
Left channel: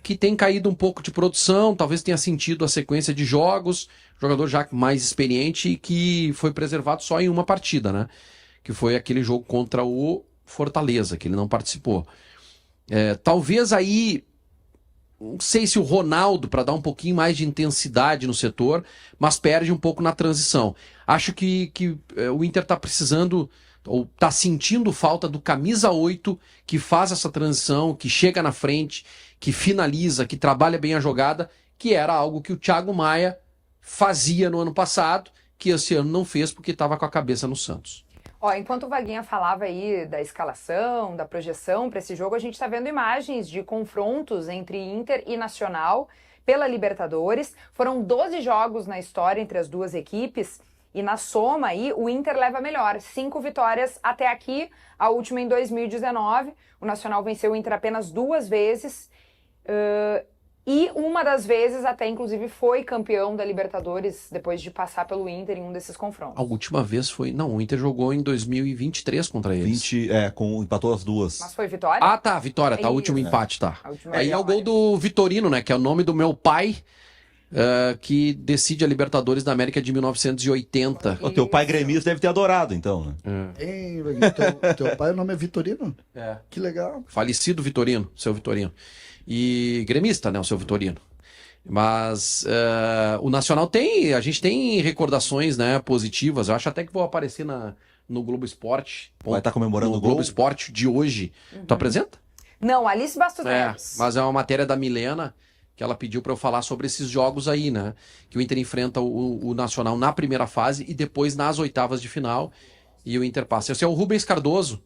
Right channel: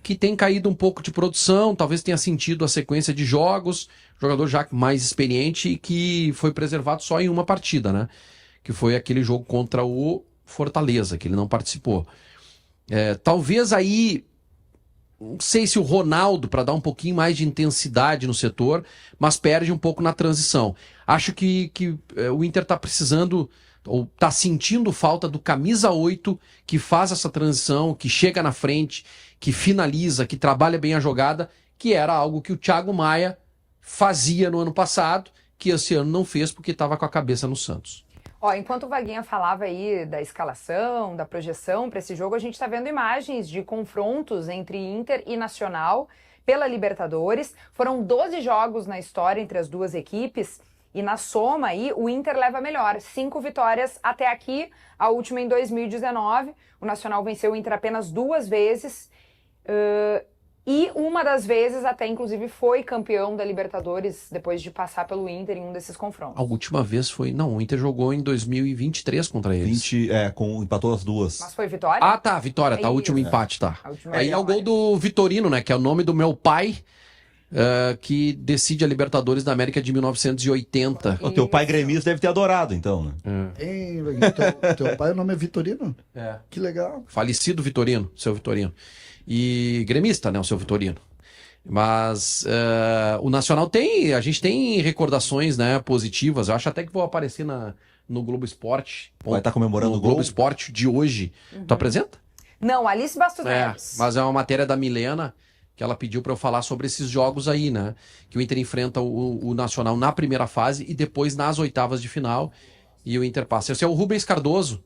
que tem caído um pouco de produção, talvez tenha sentido a sequência de jogos, jogador já mais experiente e que foi preservado só em uma partida, né? Que foi aquele jogo contra o Fortaleza, que ele não participou. Talvez aí, não sei se o Ronaldo, para dar um pouquinho mais de intensidade no setor, mas perde um pouco na transição. Acho que o Inter está precisando, ou está sentindo falta do camisa 8, que faz essa transição, que chega na frente, que finaliza, que trabalha bem a jogada, que era algo que o Thiago Maia fazia no ano passado, que esse ano não fez porque estava com a cabeça no Santos. Enquanto o Vaguinha falava aí da escalação, da projeção para esse jogo, a gente está vendo imagens de confrontos entre Inter e Nacional pela Libertadores. Foram 12 jogos na história entre as duas equipes e na soma aí o Inter leva melhor. 5 vitórias até aqui, a última em 2019. O Nacional venceu o Inter apenas 2 vezes. E uma das vezes até inclusive foi campeão da Libertadores depois de passar pelo Inter em um desses confrontos. A última vez foi... Não, o Inter jogou em 2023 contra eles. Empatou as duas. Mas foi vitória? Ah, tá, vitória, tá, o último empate, tá. Aí é o gol do Vitorino, né, que é o nome do meu pai, que decide a Libertadores da América de 1980. O teu pai gremista deve ter adorado, então, né? Teu pai, o nome é Vitorino? É. Que legal. Falecido Vitorino, seu Vitorino. E gremista, né, o seu Vitorino. Mas o Nacional a gente tem recordações, né, positivas. Eu acho até que vou aparecer no Globo Esporte. Vai estar comemorando o gol? Globo Esporte de hoje. Tu apresenta? Não, Alice Bastos Neves. Mas é uma matéria da Milena que ela pediu para eu falar sobre esses jogos aí, né? Que o Inter enfrenta o Nacional na primeira fase e depois nas oitavas de final. E o Inter passa. Esse é o Rubens Cardoso.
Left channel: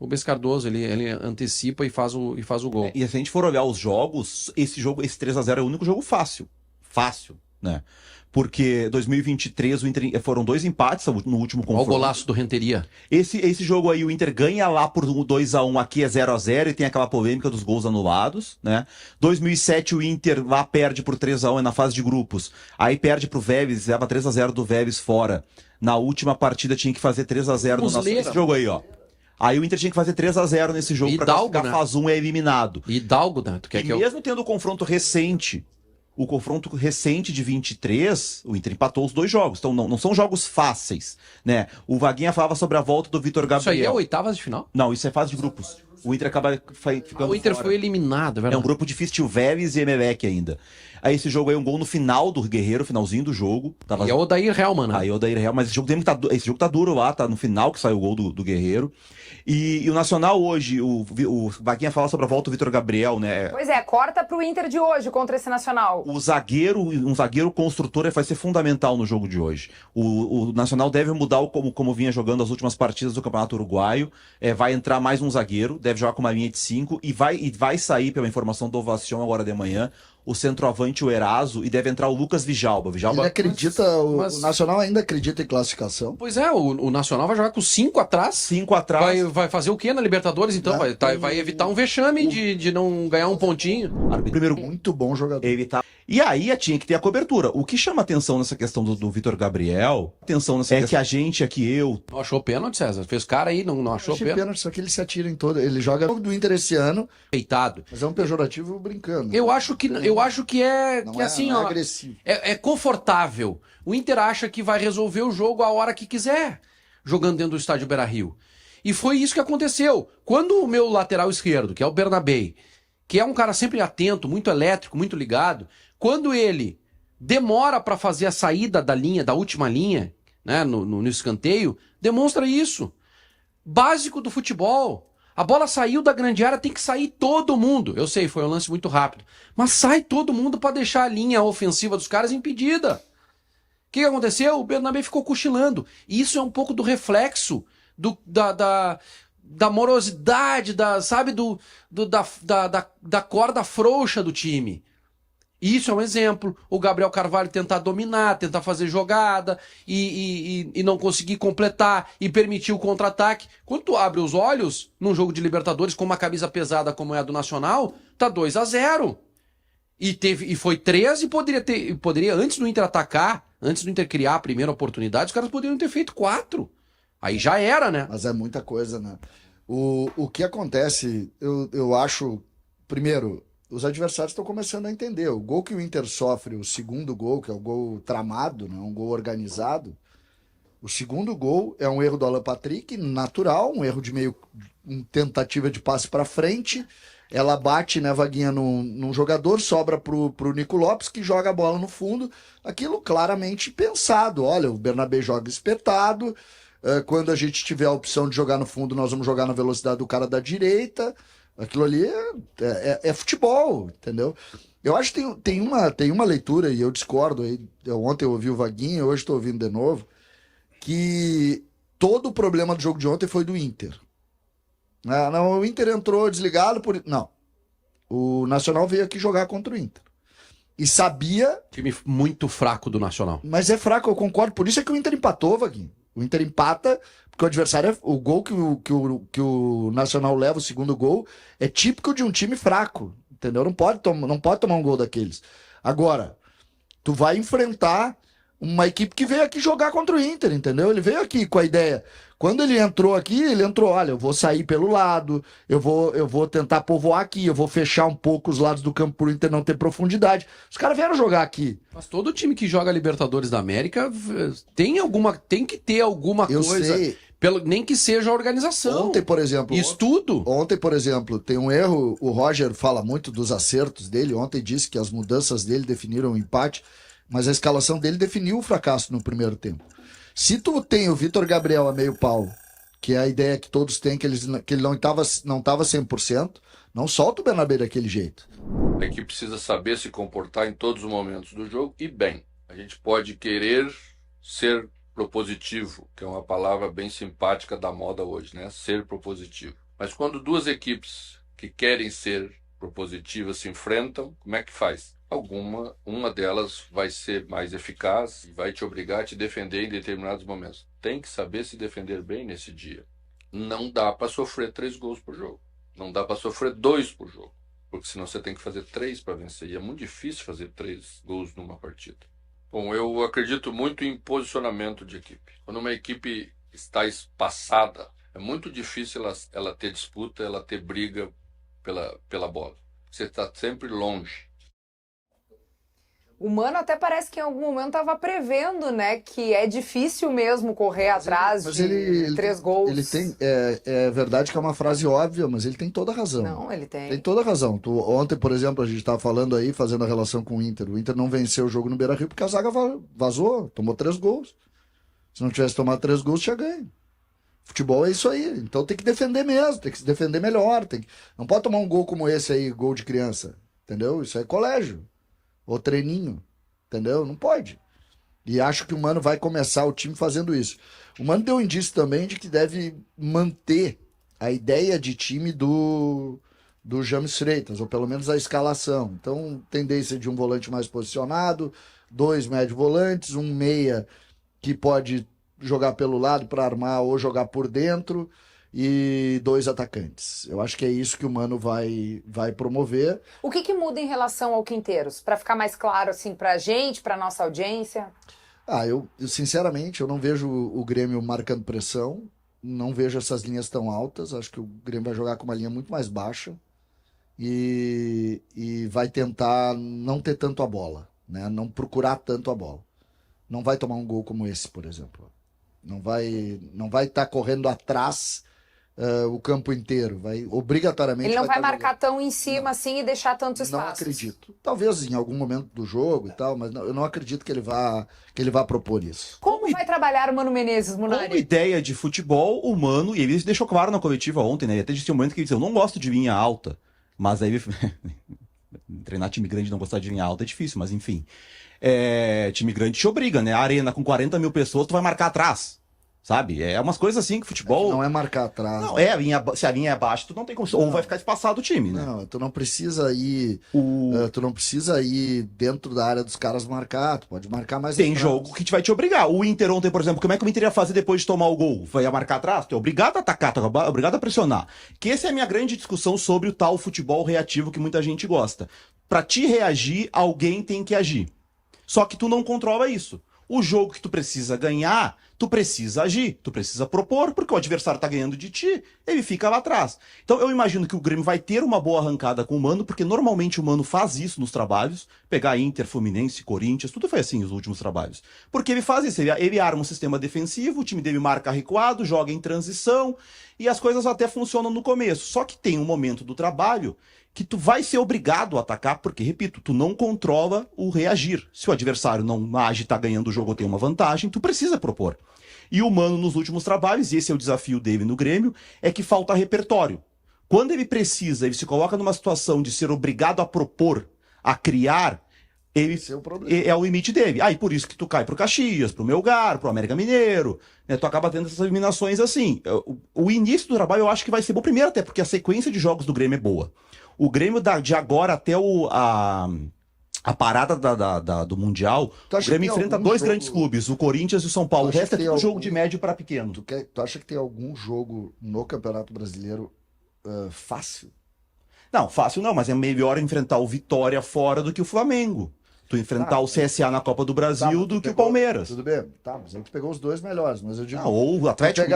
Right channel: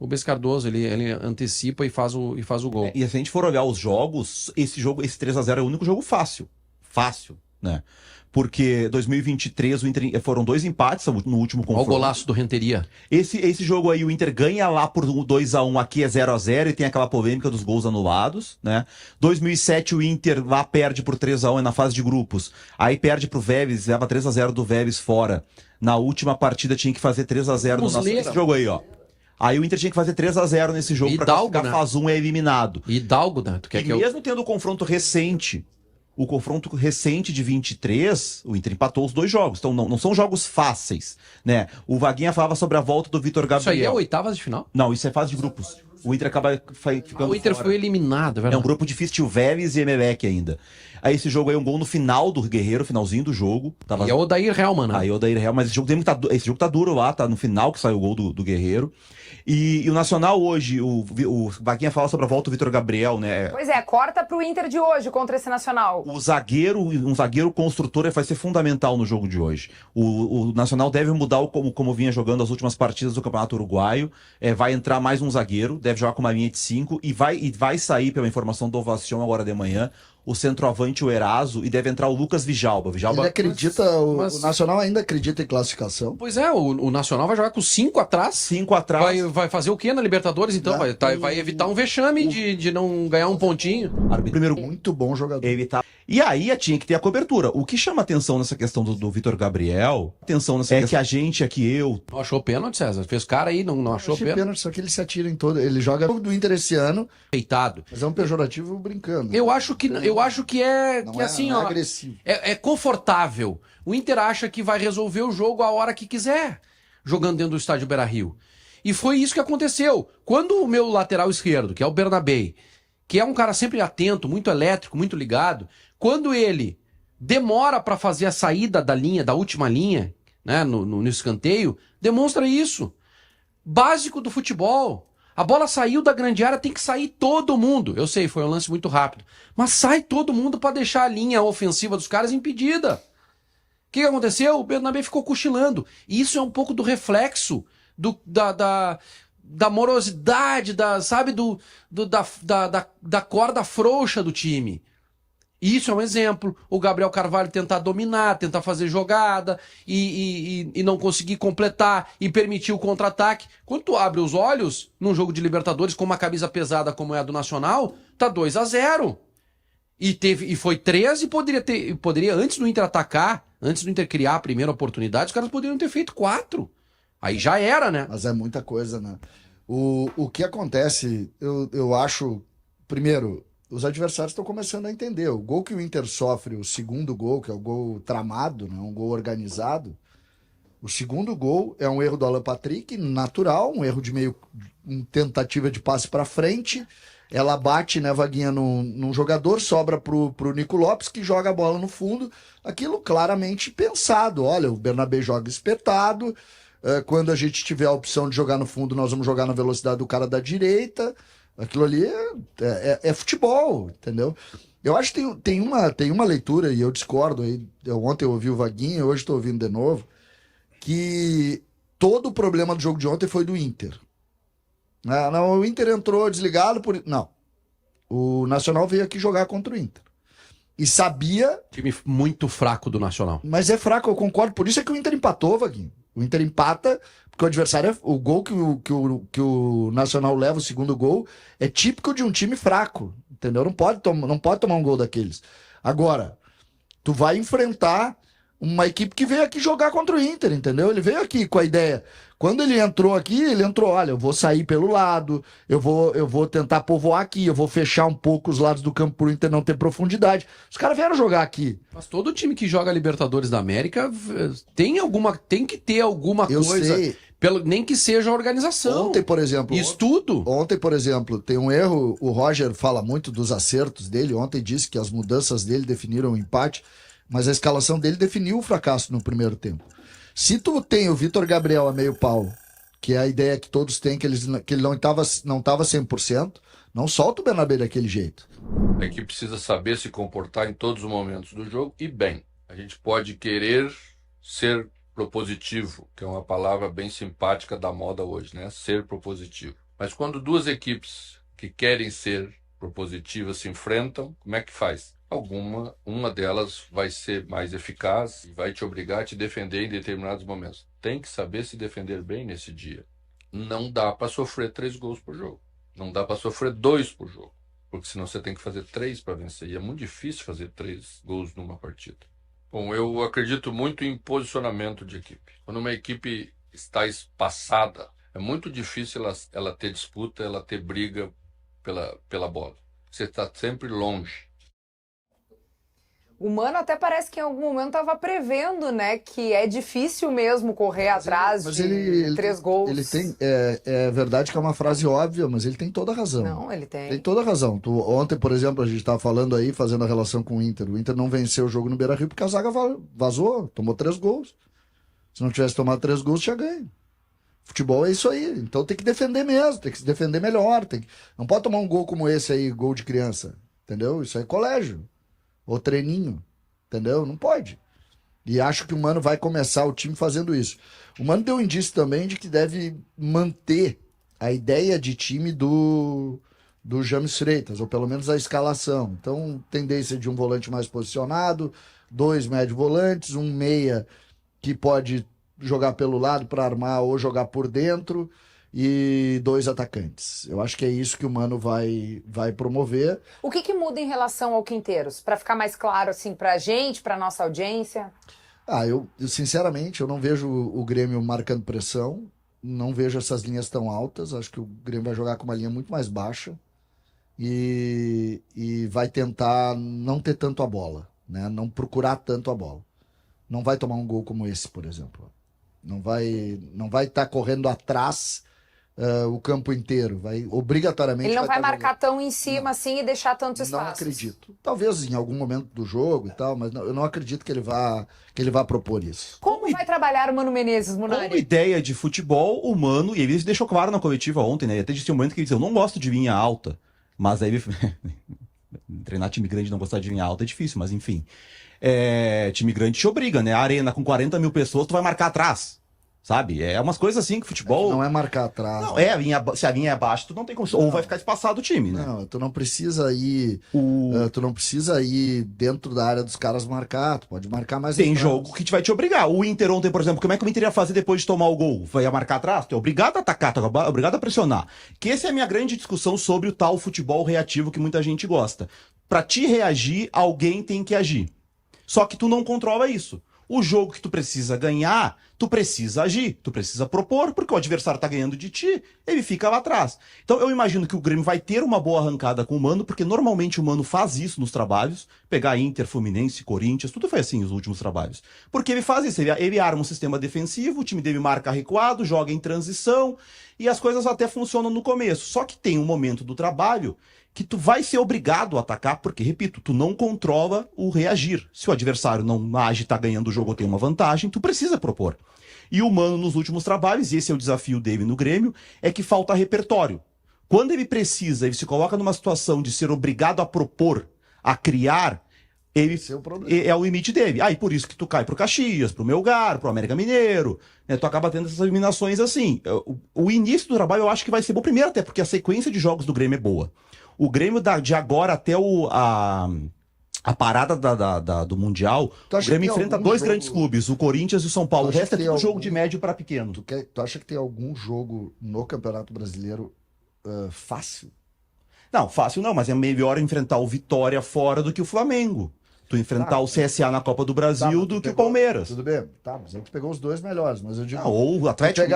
O Rubens Cardoso, ele antecipa e faz o gol. E se a gente for olhar os jogos, esse 3-0 é o único jogo fácil. Fácil, né? Porque 2023 o Inter foram 2 empates no último confronto. Olha o golaço do Renteria. Esse jogo aí o Inter ganha lá por 2-1, aqui é 0-0 e tem aquela polêmica dos gols anulados, né? 2007 o Inter lá perde por 3-1 na fase de grupos. Aí perde pro Vélez, leva 3-0 do Vélez fora. Na última partida tinha que fazer 3-0 no nosso jogo aí, ó. Aí o Inter tinha que fazer 3-0 nesse jogo para classificar, né? fase 1 é eliminado. Hidalgo, né? Mesmo tendo o confronto recente de 23, o Inter empatou os 2 jogos. Então não são jogos fáceis, né? O Vaguinha falava sobre a volta do Vitor Gabriel. Isso aí é oitavas de final? Não, isso é fase de grupos. O Inter acaba ficando O Inter fora. foi eliminado, é verdade. É um grupo difícil, tinha o Vélez e Emelec ainda. Aí esse jogo aí, um gol no final do Guerreiro, finalzinho do jogo. E é o Odair Helman, né? Aí o Odair Helman, mas esse jogo tá duro lá, tá no final que saiu o gol do Guerreiro. E o Nacional hoje, o Vaguinha fala sobre a volta do Vitor Gabriel, né? Pois é, corta pro Inter de hoje contra esse Nacional. Um zagueiro construtor vai ser fundamental no jogo de hoje. O Nacional deve mudar como vinha jogando as últimas partidas do Campeonato Uruguaio. Vai entrar mais um zagueiro, deve jogar com uma linha de 5 e vai sair, pela informação do Ovacion agora de manhã, o centroavante, o Eraso, e deve entrar o Lucas Vijalba. Ele acredita, mas- o Nacional ainda acredita em classificação. Pois é, o Nacional vai jogar com 5 atrás. 5 atrás. Vai fazer o quê na Libertadores, então? Vai evitar um vexame de não ganhar um pontinho. Primeiro Muito bom jogador. evitar. E aí tinha que ter a cobertura. O que chama atenção nessa questão do Vitor Gabriel, que a gente aqui, eu, Não achou pênalti, César? Fez cara aí, não achou Achei pênalti. pênalti, só que ele se atira em todo. Ele joga o do Inter esse ano, Feitado. mas é um pejorativo brincando. Eu acho que é Não que é, assim, não é ó, agressivo. é confortável. O Inter acha que vai resolver o jogo a hora que quiser, jogando dentro do estádio Beira-Rio. E foi isso que aconteceu. Quando o meu lateral esquerdo, que é o Bernabé, que é um cara sempre atento, muito elétrico, muito ligado, quando ele demora para fazer a saída da linha, da última linha, né, no escanteio, demonstra isso. Básico do futebol. A bola saiu da grande área, tem que sair todo mundo. Eu sei, foi um lance muito rápido. Mas sai todo mundo para deixar a linha ofensiva dos caras impedida. O que aconteceu? O Bernabé ficou cochilando. E isso é um pouco do reflexo da morosidade, da corda frouxa do time. Isso é um exemplo. O Gabriel Carvalho tentar dominar, tentar fazer jogada e não conseguir completar e permitir o contra-ataque. Quando tu abre os olhos num jogo de Libertadores com uma camisa pesada como é a do Nacional, tá 2-0. E foi 3 e poderia, antes do Inter atacar, antes do Inter criar a primeira oportunidade, os caras poderiam ter feito 4. Aí já era, né? Mas é muita coisa, né? O que acontece, eu acho, primeiro, os adversários estão começando a entender. O gol que o Inter sofre, o segundo gol, que é o gol tramado, né? Um gol organizado, o segundo gol é um erro do Alan Patrick, natural, um erro de tentativa de passe para frente. Ela bate, né, Vaguinha, num jogador, sobra pro Nico Lopes, que joga a bola no fundo. Aquilo claramente pensado. Olha, o Bernabé joga espetado. Quando a gente tiver a opção de jogar no fundo, nós vamos jogar na velocidade do cara da direita. Aquilo ali é futebol, entendeu? Eu acho que tem uma leitura, e eu discordo, aí, ontem eu ouvi o Vaguinha, hoje estou ouvindo de novo, que todo o problema do jogo de ontem foi do Inter. Não, o Inter entrou desligado por... Não. O Nacional veio aqui jogar contra o Inter. E sabia... Time muito fraco do Nacional. Mas é fraco, eu concordo. Por isso é que o Inter empatou, Vaguinho. O Inter empata, porque o adversário... O gol que o Nacional leva, o segundo gol, é típico de um time fraco. Entendeu? Não pode tomar um gol daqueles. Agora, tu vai enfrentar uma equipe que veio aqui jogar contra o Inter, entendeu? Ele veio aqui com a ideia... Quando ele entrou aqui, olha, eu vou sair pelo lado, eu vou tentar povoar aqui, eu vou fechar um pouco os lados do campo pro Inter não ter profundidade. Os caras vieram jogar aqui. Mas todo time que joga Libertadores da América tem que ter alguma Eu coisa, sei. nem que seja a organização. Ontem, por exemplo... Estudo. Ontem, por exemplo, tem um erro, o Roger fala muito dos acertos dele, ontem disse que as mudanças dele definiram o empate, mas a escalação dele definiu o fracasso no primeiro tempo. Se tu tem o Vitor Gabriel a meio pau, que é a ideia que todos têm, que ele não estava 100%, não solta o Bernabé daquele jeito. A equipe precisa saber se comportar em todos os momentos do jogo e bem. A gente pode querer ser propositivo, que é uma palavra bem simpática da moda hoje, né? Ser propositivo. Mas quando duas equipes que querem ser propositivas se enfrentam, como é que faz? Uma delas vai ser mais eficaz e vai te obrigar a te defender em determinados momentos. Tem que saber se defender bem nesse dia. Não dá para sofrer 3 gols por jogo. Não dá para sofrer 2 por jogo. Porque senão você tem que fazer 3 para vencer. E é muito difícil fazer 3 gols numa partida. Bom, eu acredito muito em posicionamento de equipe. Quando uma equipe está espaçada, é muito difícil ela ter disputa, ela ter briga pela bola. Você está sempre longe. O Mano até parece que em algum momento estava prevendo, né, que é difícil mesmo correr atrás de 3 gols. Ele tem, é verdade que é uma frase óbvia, mas ele tem toda a razão. Não, ele tem. Tem toda a razão. Ontem, por exemplo, a gente estava falando aí, fazendo a relação com o Inter. O Inter não venceu o jogo no Beira-Rio porque a zaga vazou, tomou 3 gols. Se não tivesse tomado 3 gols, tinha ganho. Futebol é isso aí. Então tem que defender mesmo, tem que se defender melhor. Não pode tomar um gol como esse aí, gol de criança. Entendeu? Isso é colégio. Ou treininho. Entendeu? Não pode. E acho que o Mano vai começar o time fazendo isso. O Mano deu um indício também de que deve manter a ideia de time do do James Freitas, ou pelo menos a escalação. Então, tendência de um volante mais posicionado, 2 médio volantes, um meia que pode jogar pelo lado para armar ou jogar por dentro, e 2 atacantes. Eu acho que é isso que o Mano vai promover. O que muda em relação ao Quinteiros? Para ficar mais claro assim pra gente, pra nossa audiência. Eu sinceramente, eu não vejo o Grêmio marcando pressão, não vejo essas linhas tão altas, acho que o Grêmio vai jogar com uma linha muito mais baixa e vai tentar não ter tanto a bola, né? Não procurar tanto a bola. Não vai tomar um gol como esse, por exemplo. Não vai estar correndo atrás o campo inteiro. Vai obrigatoriamente. Ele não vai tá marcar jogando. tão em cima assim e deixar tantos espaços. Não acredito. Talvez em algum momento do jogo e tal, mas eu não acredito que ele vá propor isso. Como vai trabalhar o Mano Menezes, Munari? Como ideia de futebol, o Mano, e ele deixou claro na coletiva ontem, né? Até disse um momento que ele disse: eu não gosto de linha alta. Mas aí treinar time grande e não gostar de linha alta é difícil, mas enfim. Time grande te obriga, né? A arena com 40 mil pessoas, tu vai marcar atrás. Sabe? É umas coisas assim que futebol. Não é marcar atrás. Não, se a linha é baixa, tu não tem como. Ou vai ficar espaçado o time, né? Não, tu não precisa ir. Tu não precisa ir dentro da área dos caras marcar. Tu pode marcar mais Tem atrás. jogo que te vai te obrigar. O Inter ontem, por exemplo, como é que o Inter ia fazer depois de tomar o gol? Vai marcar atrás? Tu é obrigado a atacar, tu é obrigado a pressionar. Que essa é a minha grande discussão sobre o tal futebol reativo que muita gente gosta. Pra te reagir, alguém tem que agir. Só que tu não controla isso. O jogo que tu precisa ganhar, tu precisa agir, tu precisa propor, porque o adversário tá ganhando de ti, ele fica lá atrás. Então eu imagino que o Grêmio vai ter uma boa arrancada com o Mano, porque normalmente o Mano faz isso nos trabalhos, pegar Inter, Fluminense, Corinthians, tudo foi assim nos últimos trabalhos. Porque ele faz isso, ele arma um sistema defensivo, o time dele marca recuado, joga em transição, e as coisas até funcionam no começo. Só que tem um momento do trabalho que tu vai ser obrigado a atacar, porque, repito, tu não controla o reagir. Se o adversário não age, tá ganhando o jogo ou tem uma vantagem, tu precisa propor. E o Mano, nos últimos trabalhos, e esse é o desafio dele no Grêmio, é que falta repertório. Quando ele precisa, ele se coloca numa situação de ser obrigado a propor, a criar, é o limite dele. E por isso que tu cai pro Caxias, pro Melgar, pro América Mineiro, né? Tu acaba tendo essas eliminações assim. O início do trabalho eu acho que vai ser bom primeiro, até porque a sequência de jogos do Grêmio é boa. O Grêmio, de agora até a parada do Mundial, o Grêmio enfrenta 2 grandes clubes, o Corinthians e o São Paulo. O resto é tudo jogo de médio para pequeno. Tu acha que tem algum jogo no Campeonato Brasileiro fácil? Não, fácil não, mas é melhor enfrentar o Vitória fora do que o Flamengo. Tu enfrentar o CSA na Copa do Brasil do que o Palmeiras. Tudo bem, mas aí tu pegou os 2 melhores, mas eu digo... ou o Atlético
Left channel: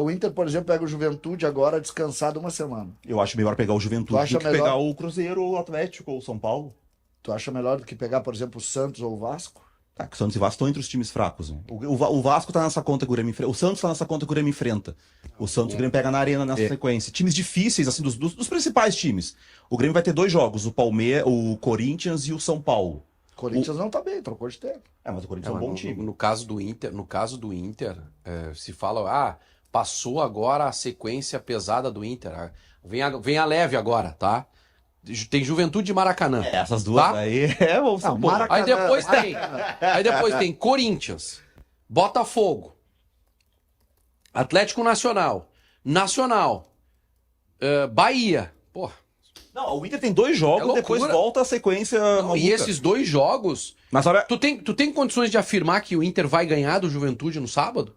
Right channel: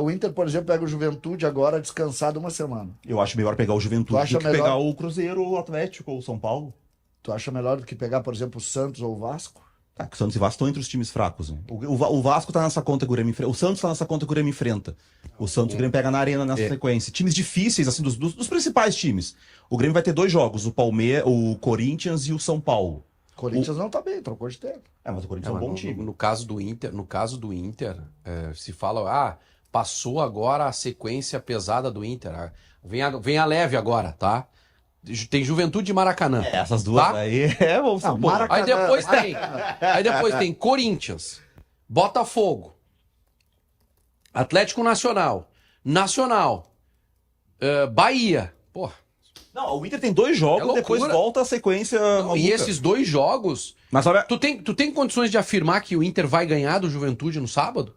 o Inter, por exemplo, pega o Juventude agora descansado uma semana. Eu acho melhor pegar o Juventude do que pegar o Cruzeiro, o Atlético ou o São Paulo. Tu acha melhor do que pegar, por exemplo, o Santos ou o Vasco? Tá, que o Santos e o Vasco estão entre os times fracos. Né? O Vasco tá nessa conta que o Grêmio enfrenta. O Santos tá nessa conta que o Grêmio enfrenta. O Santos e o Grêmio pega na arena nessa sequência. Times difíceis, assim, dos principais times. O Grêmio vai ter 2 jogos, o Corinthians e o São Paulo. O Corinthians não tá bem, trocou de tempo. Mas o Corinthians é um bom time. No caso do Inter, se fala, passou agora a sequência pesada do Inter. Vem a leve agora, tá? Tem Juventude e Maracanã. Essas duas tá? aí Maracanã. Aí depois tem Corinthians, Botafogo, Atlético Nacional, Bahia. Porra. Não, o Inter tem 2 jogos, depois volta a sequência. E esses 2 jogos. Mas olha. Tu tem condições de afirmar que o Inter vai ganhar do Juventude no sábado?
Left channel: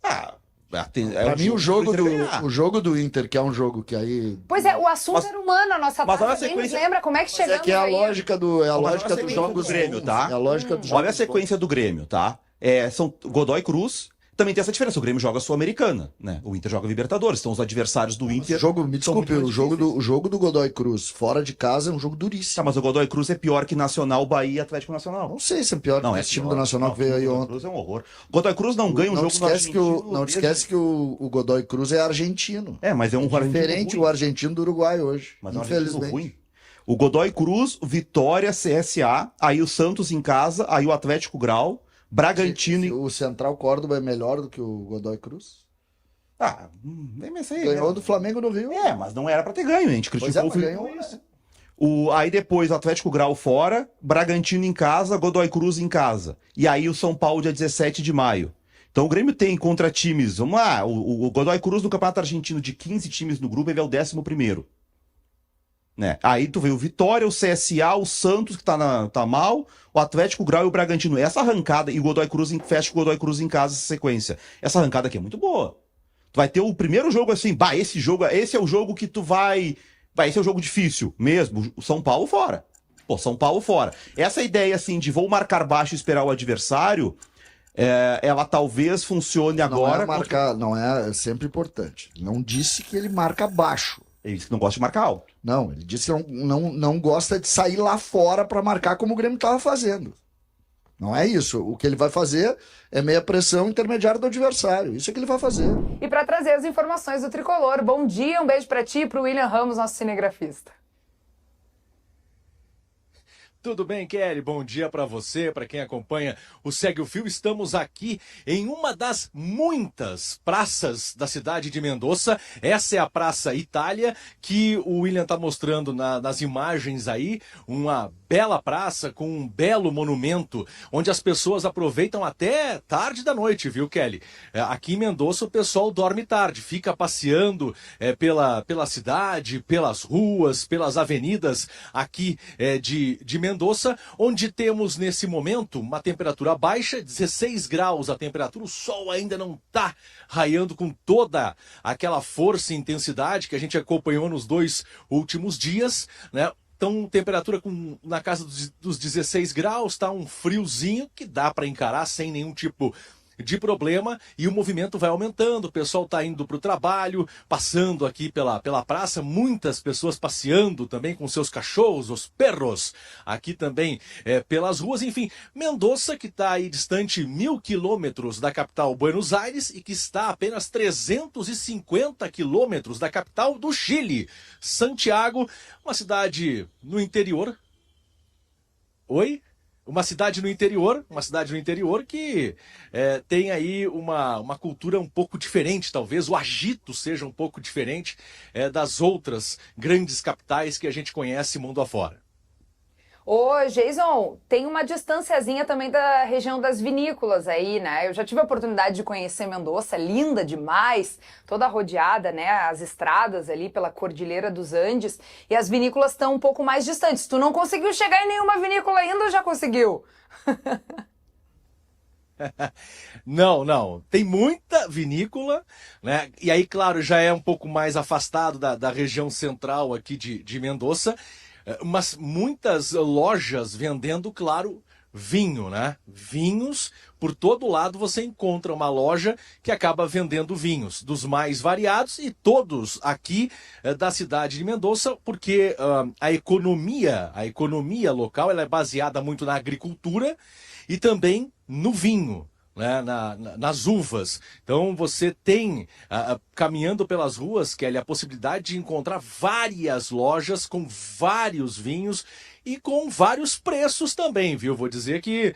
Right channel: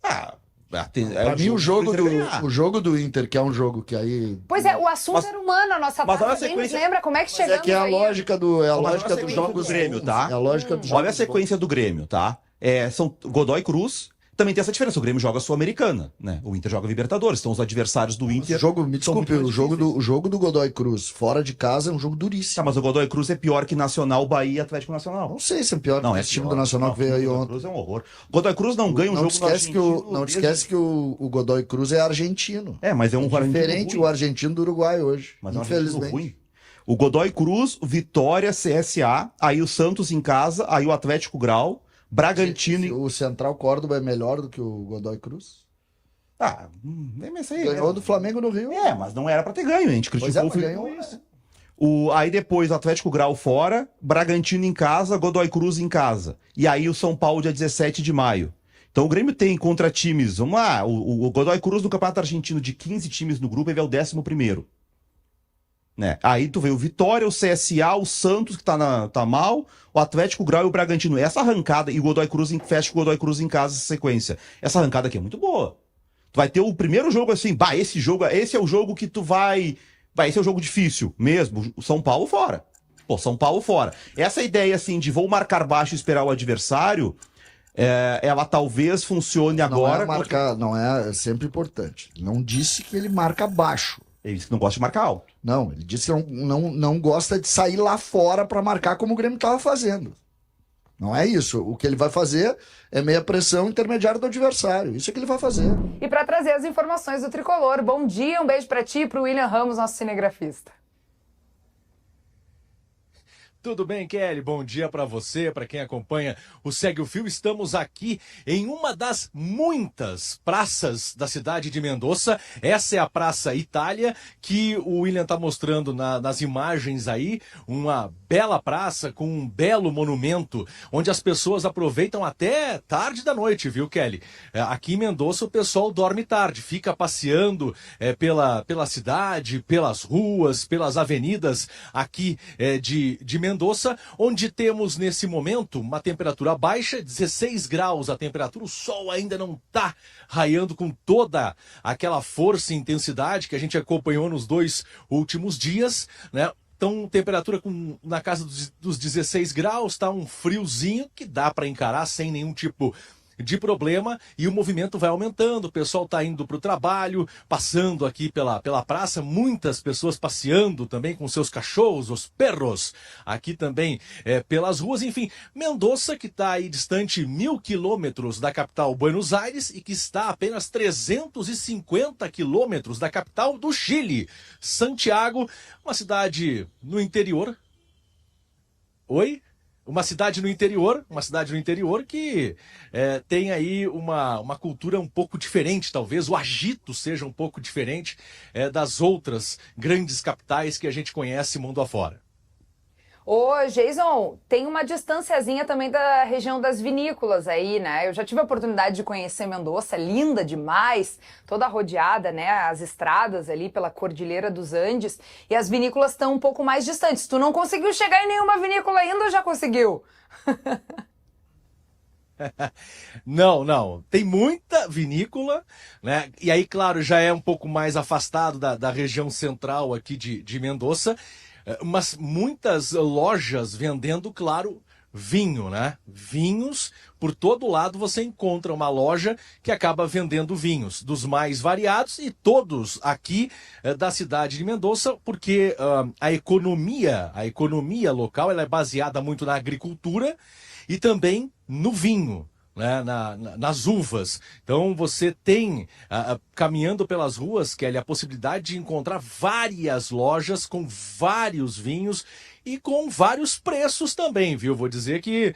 Pra mim, o jogo do Inter, que é um jogo que aí... Pois é, o assunto era humano, a nossa parte. Nem nos lembra como é que chegamos é a lógica dos jogos do Grêmio, tá? É a lógica dos Olha a sequência do Grêmio, tá? São Godoy Cruz. Também tem essa diferença. O Grêmio joga Sul-Americana, né? O Inter joga Libertadores. Então os adversários do Inter. Me desculpe, o jogo do Godoy Cruz fora de casa é um jogo duríssimo. Tá, mas o Godoy Cruz é pior que Nacional, Bahia e Atlético Nacional. Não sei se é pior que esse time do Nacional que veio aí ontem. O Godoy Cruz é um horror. O Godoy Cruz não ganha um jogo Não esquece que o Godoy Cruz é argentino. Mas é um diferente o argentino do Uruguai hoje. Mas infelizmente. É um ruim. O Godoy Cruz, Vitória, CSA, aí o Santos em casa, aí o Atlético Grau. Bragantino. O Central Córdoba é melhor do que o Godoy Cruz? Ganhou do Flamengo no Rio. Mas não era pra ter ganho, a gente criticou o ganhou isso. Aí depois o Atlético Grau fora, Bragantino em casa, Godoy Cruz em casa. E aí o São Paulo dia 17 de maio. Então o Grêmio tem contra times, vamos lá, o Godoy Cruz no Campeonato Argentino de 15 times no grupo, ele é o 11º. né? Aí tu vê o Vitória, o CSA, o Santos, que tá mal, o Atlético, o Grau e o Bragantino. Essa arrancada, e o Godoy Cruz fecha com o Godoy Cruz em casa, essa sequência. Essa arrancada aqui é muito boa. Tu vai ter o primeiro jogo assim, esse é o jogo que tu vai... esse é o jogo difícil mesmo, o São Paulo fora. Pô, São Paulo fora. Essa ideia assim de vou marcar baixo e esperar o adversário, ela talvez funcione agora. Não é sempre importante. Não disse que ele marca baixo. Ele disse que não gosta de marcar alto. Não, ele disse que não gosta de sair lá fora para marcar como o Grêmio estava fazendo. Não é isso. O que ele vai fazer é meia pressão intermediária do adversário. Isso é que ele vai fazer. E para trazer as informações do Tricolor, bom dia, um beijo para ti e para o William Ramos, nosso cinegrafista. Tudo bem, Kelly? Bom dia para você, para quem acompanha o Segue o Fio. Estamos aqui em uma das muitas praças da cidade de Mendoza. Essa é a Praça Itália, que o William está mostrando nas imagens aí. Uma bela praça com um belo monumento, onde as pessoas aproveitam até tarde da noite, viu, Kelly? Aqui em Mendoza o pessoal dorme tarde, fica passeando pela cidade, pelas ruas, pelas avenidas aqui de Mendoza, onde temos nesse momento uma temperatura baixa, 16 graus a temperatura, o sol ainda não está raiando com toda aquela força e intensidade que a gente acompanhou nos 2 últimos dias, né? Então, temperatura na casa dos 16 graus, tá um friozinho que dá para encarar sem nenhum tipo de problema, e o movimento vai aumentando, o pessoal está indo para o trabalho, passando aqui pela praça, muitas pessoas passeando também com seus cachorros, os perros, aqui também pelas ruas, enfim, Mendoza, que está aí distante 1.000 quilômetros da capital Buenos Aires e que está a apenas 350 quilômetros da capital do Chile, Santiago, uma cidade no interior. Oi? Uma cidade no interior que tem aí uma cultura um pouco diferente, talvez o agito seja um pouco diferente das outras grandes capitais que a gente conhece mundo afora. Ô, Jason, tem uma distanciazinha também da região das vinícolas aí, né? Eu já tive a oportunidade de conhecer Mendoza, linda demais, toda rodeada, né? As estradas ali pela Cordilheira dos Andes, e as vinícolas estão um pouco mais distantes. Tu não conseguiu chegar em nenhuma vinícola ainda ou já conseguiu? Não. Tem muita vinícola, né? E aí, claro, já é um pouco mais afastado da região central aqui de Mendoza, mas muitas lojas vendendo, claro, vinho, né? Vinhos, por todo lado você encontra uma loja que acaba vendendo vinhos, dos mais variados, e todos aqui da cidade de Mendoza, porque a economia local ela é baseada muito na agricultura e também no vinho, né, nas uvas. Então você tem, caminhando pelas ruas, Kelly, a possibilidade de encontrar várias lojas com vários vinhos e com vários preços também, viu? Vou dizer que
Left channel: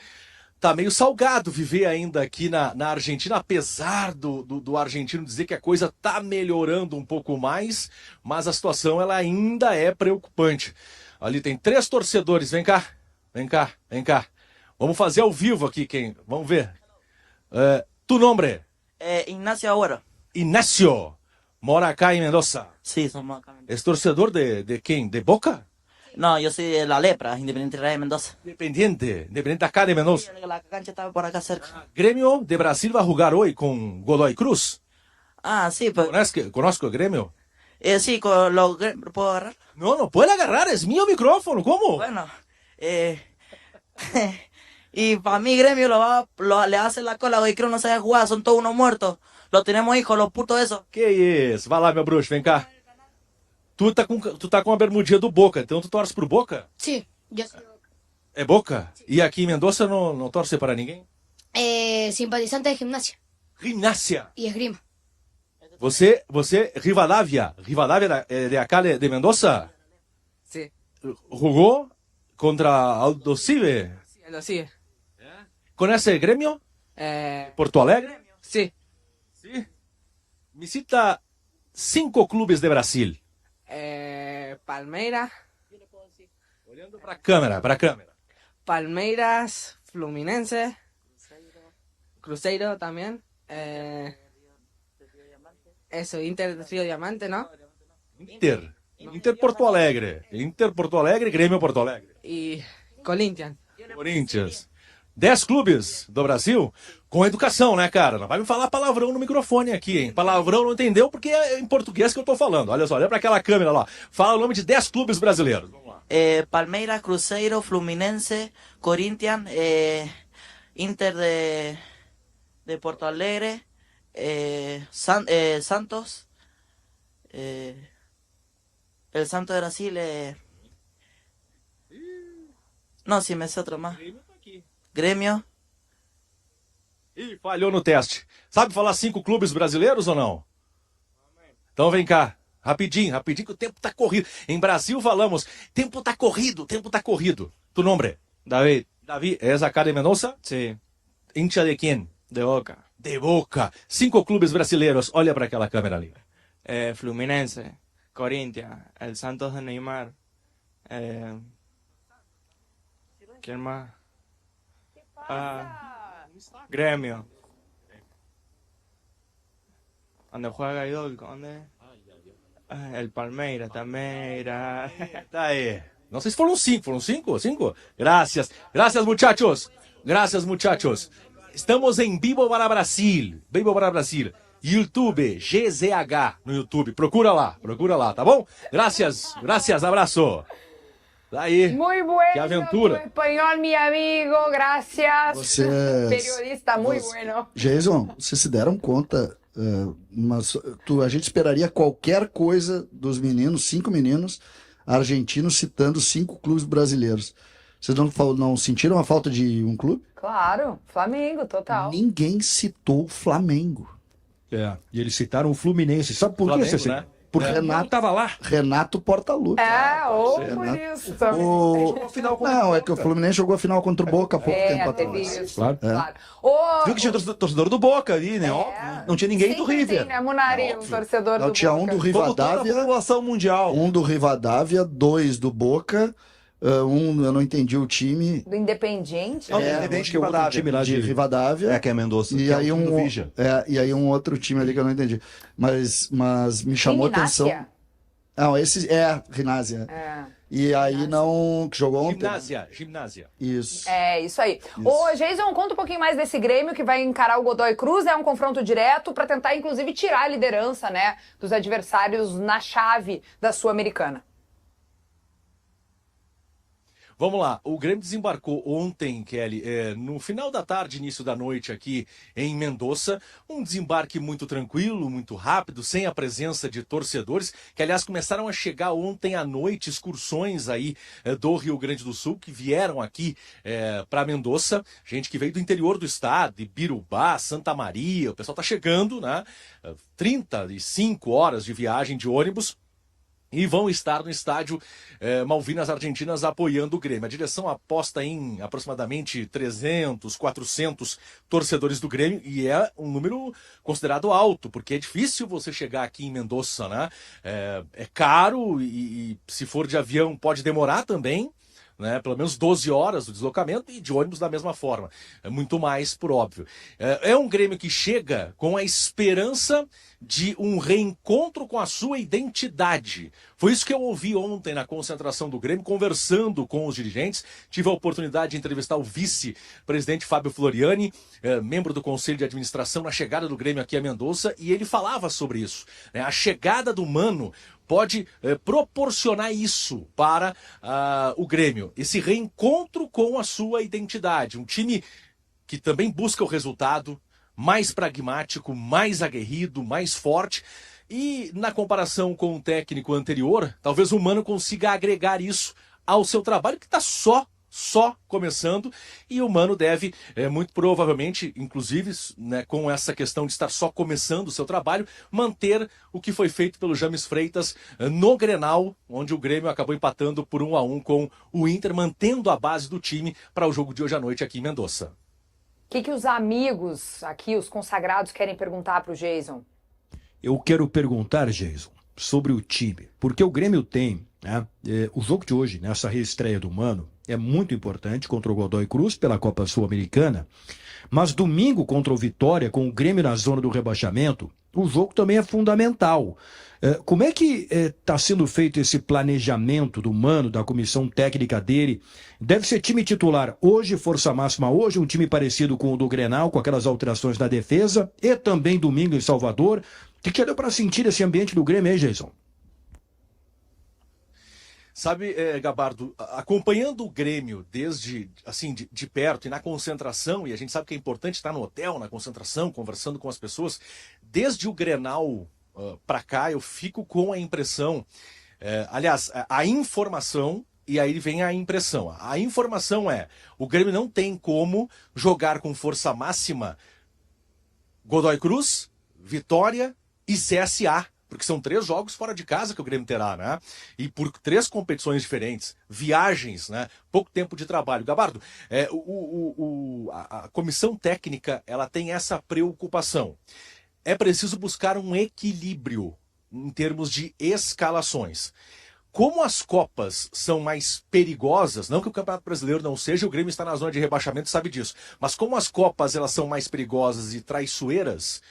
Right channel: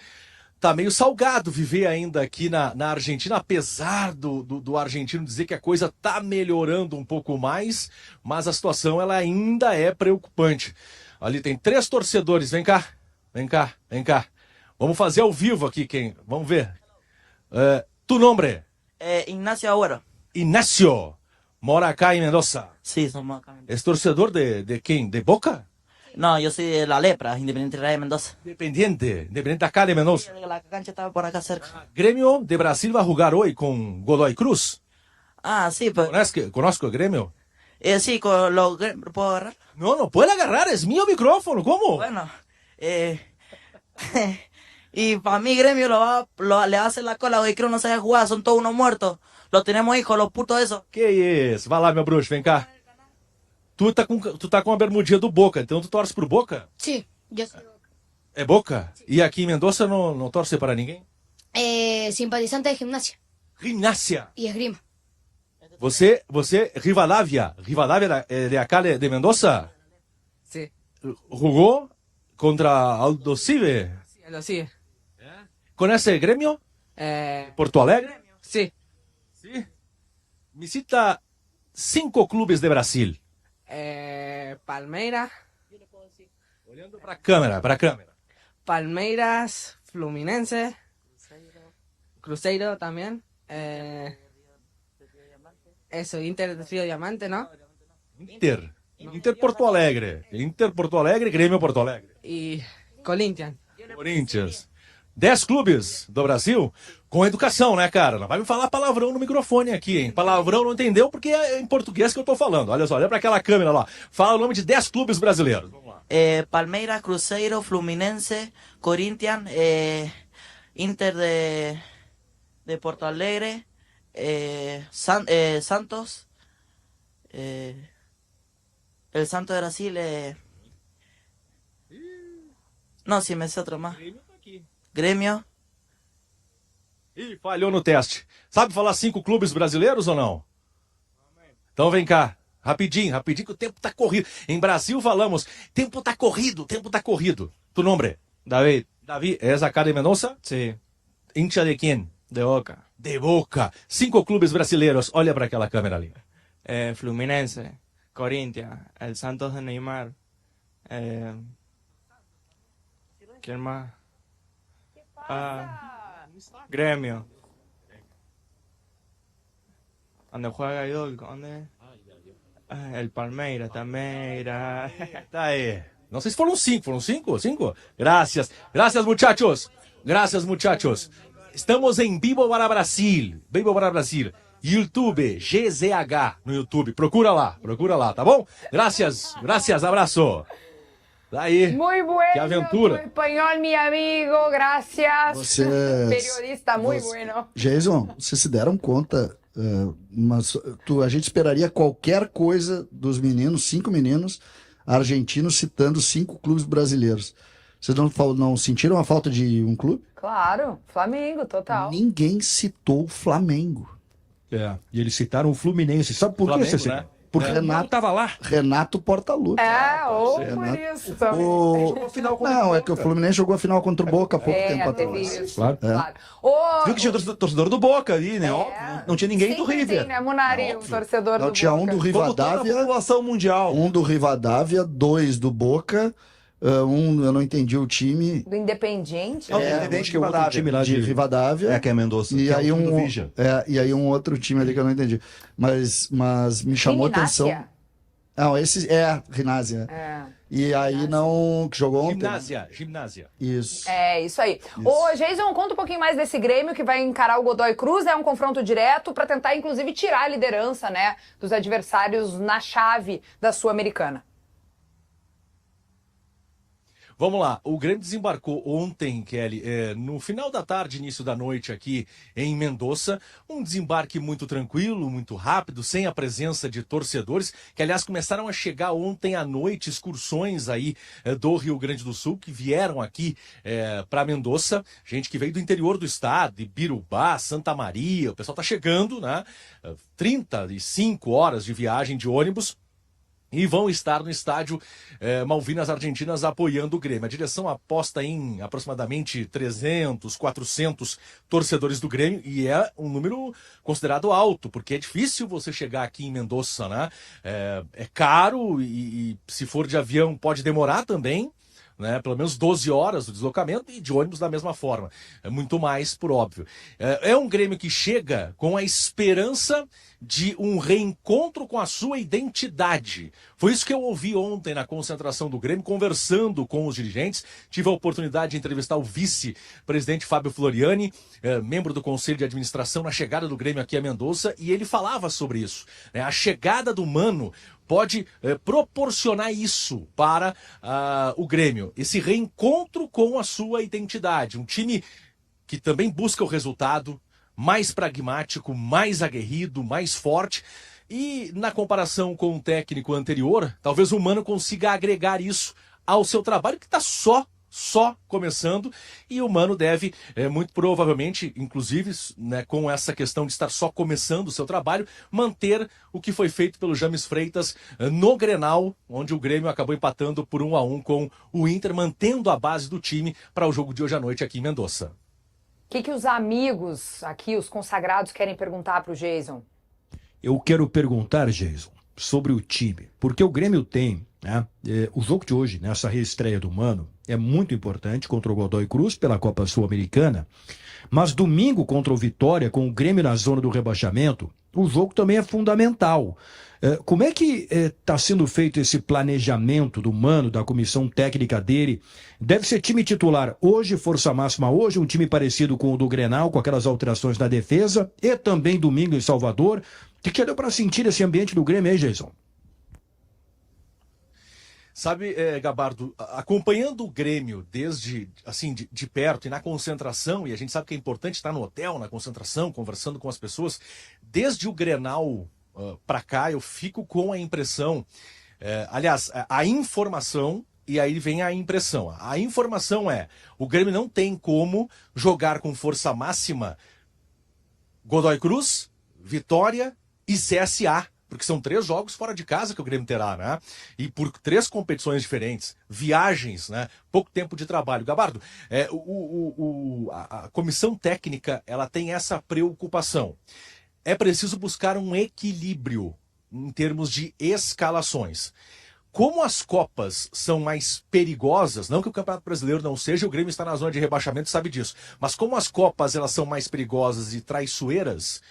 tá meio salgado viver ainda aqui na Argentina, apesar do argentino dizer que a coisa tá melhorando um pouco mais, mas a situação ela ainda é preocupante. Ali tem 3 torcedores, vem cá. Vamos fazer ao vivo aqui, vamos ver. Tu nome? Ignacio Agüero. Ignacio, mora acá en Mendoza. Sí, somos acá. ¿Es torcedor de quién? ¿De Boca? No, yo soy de La Lepra, Independiente Real de Mendoza. Independiente acá de Mendoza. La cancha estaba por acá cerca. Gremio de Brasil va a jugar hoy con Godoy Cruz. Ah, sí, pero... ¿Conozco el Gremio? Sí, ¿puedo agarrar? No puede agarrar, es mío micrófono, ¿cómo? Bueno, y para mí Gremio le hace la cola, Godoy Cruz no sabe jugar, son todos unos muertos. Los tenemos hijos, los putos esos. Que isso? Vai lá, meu bruxo, vem cá. Tu tá com a bermudinha do Boca, então tu torce pro Boca? Sí, yo soy É Boca? E aqui em Mendoza não torce para ninguém? simpatizante de Gimnasia Gimnasia. y Esgrima. Você Rivadavia de acá de Mendoza? Sí, Jugou contra Aldo Cive? lo sigue. ¿Conhece el Gremio? Porto Alegre? Sí, Sí. Visita 5 clubes de Brasil. Palmeiras, Olhando para a câmera. Palmeiras, Fluminense, Cruzeiro también. Eso, Inter de Río Diamante, ¿no? Inter. Inter Porto Alegre. Inter Porto Alegre, Grêmio Porto Alegre. Y Corinthians. Corinthians. 10 clubes do Brasil com educação, né, cara? Não vai me falar palavrão no microfone aqui, hein? Palavrão não entendeu porque é em português que eu tô falando. Olha só, olha pra aquela câmera lá. Fala o nome de 10 clubes brasileiros. Vamos lá. Palmeiras, Cruzeiro, Fluminense, Corinthians, Inter de Porto Alegre, Santos, el Santos de Brasil, no, si me sé otro más. Grêmio. Ih, falhou no teste. Sabe falar 5 clubes brasileiros ou não? Então vem cá. Rapidinho, rapidinho, que o tempo tá corrido. Em Brasil falamos, tempo tá corrido, tempo tá corrido. Tu nombre? David. David, ¿es acá de Mendoza? Sí. Hincha de quién? De Boca. De Boca. 5 clubes brasileiros. Olha para aquela câmera ali. Fluminense. Corinthians. El Santos de Neymar. ¿Quién más? Gremio. ¿Dónde juega Idol? ¿Dónde? El Palmeiras também. Tá aí. Não sei se foram 5. Foram 5? 5? Gracias. Gracias, muchachos. Gracias, muchachos. Estamos em Vivo para Brasil. Vivo para Brasil. YouTube, GZH no YouTube. Procura lá, tá bom? Gracias, gracias, abraço. Daí. Muy bueno. Que aventura. Tu espanhol, mi amigo. Gracias. Vocês- Periodista muy você- bueno. Jason, vocês se deram conta, mas a gente esperaria qualquer coisa dos meninos, 5 meninos argentinos citando 5 clubes brasileiros. Vocês não sentiram a falta de um clube? Claro, Flamengo, total. Ninguém citou o Flamengo. E eles citaram o Fluminense. Sabe por Flamengo, que, Cecília? né? Porque É. Renato tava lá. Renato Portaluppi. Ou por Renato. isso também. Não, é que o Fluminense jogou a final contra o Boca há pouco tempo teve atrás. isso. Claro. Claro. Ô, Viu que tinha torcedor do Boca ali, né? Óbvio, não tinha ninguém do sempre River. tem, né, Munari, um torcedor Não, do tinha um Boca. do Como toda a Rivadavia, população mundial. um do Rivadavia, 2 do Boca, eu não entendi o time. Do Independiente. Não, né? Independente acho que é outro Rivadavia. time lá De Rivadavia. É, que é Mendoza. E que é o aí, time do Vija. e aí um outro time ali que eu não entendi. Mas me chamou a atenção. Gimnasia. Não, esse é Rinásia. É. E aí não. Que jogou ontem. Gimnasia. Isso. É, isso aí. Ô, Jason, conta um pouquinho mais desse Grêmio que vai encarar o Godoy Cruz. É um confronto direto para tentar, inclusive, tirar a liderança, né, dos adversários na chave da Sul-Americana. Vamos lá, o Grêmio desembarcou ontem, Kelly, no final da tarde, início da noite aqui em Mendoza, um desembarque muito tranquilo, muito rápido, sem a presença de torcedores, que aliás começaram a chegar ontem à noite excursões aí do Rio Grande do Sul, que vieram aqui para Mendoza, gente que veio do interior do estado, de Birubá, Santa Maria, o pessoal tá chegando, né, 35 horas de viagem de ônibus, e vão estar no estádio Malvinas Argentinas apoiando o Grêmio. A direção aposta em aproximadamente 300, 400 torcedores do Grêmio e é um número considerado alto, porque é difícil você chegar aqui em Mendoza, né? É caro e se for de avião pode demorar também, né? Pelo menos 12 horas do deslocamento e de ônibus da mesma forma. É muito mais, por óbvio. É um Grêmio que chega com a esperança de um reencontro com a sua identidade. Foi isso que eu ouvi ontem na concentração do Grêmio, conversando com os dirigentes. Tive a oportunidade de entrevistar o vice-presidente Fábio Floriani, membro do Conselho de Administração, na chegada do Grêmio aqui a Mendoza, e ele falava sobre isso, né? A chegada do Mano pode proporcionar isso para o Grêmio, esse reencontro com a sua identidade. Um time que também busca o resultado, mais pragmático, mais aguerrido, mais forte. E na comparação com o técnico anterior, talvez o Mano consiga agregar isso ao seu trabalho, que está só começando, e o Mano deve, muito provavelmente, inclusive, né, com essa questão de estar só começando o seu trabalho, manter o que foi feito pelo James Freitas no Grenal, onde o Grêmio acabou empatando por 1-1 com o Inter, mantendo a base do time para o jogo de hoje à noite aqui em Mendoza. O que os amigos aqui, os consagrados, querem perguntar para o Jason? Eu quero perguntar, Jason, sobre o time. Porque o Grêmio tem, né, o jogo de hoje, nessa reestreia do Mano, é muito importante contra o Godoy Cruz pela Copa Sul-Americana. Mas domingo contra o Vitória, com o Grêmio na zona do rebaixamento, o jogo também é fundamental. Como é que está sendo feito esse planejamento do Mano, da comissão técnica dele? Deve ser time titular hoje, força máxima hoje, um time parecido com o do Grenal, com aquelas alterações na defesa, e também domingo em Salvador. O que deu para sentir esse ambiente do Grêmio aí, Jason? Sabe, Gabardo, acompanhando o Grêmio desde, assim, de perto e na concentração, e a gente sabe que é importante estar no hotel, na concentração, conversando com as pessoas, desde o Grenal para cá, eu fico com a impressão, aliás, a informação, e aí vem a impressão. A informação é, o Grêmio não tem como jogar com força máxima Godoy Cruz, Vitória e CSA, porque são 3 jogos fora de casa que o Grêmio terá, né? E por 3 competições diferentes, viagens, né? Pouco tempo de trabalho. Gabardo, a comissão técnica, ela tem essa preocupação. É preciso buscar um equilíbrio em termos de escalações. Como as Copas são mais perigosas, não que o Campeonato Brasileiro não seja, o Grêmio está na zona de rebaixamento, sabe disso, mas como as Copas elas são mais perigosas e traiçoeiras,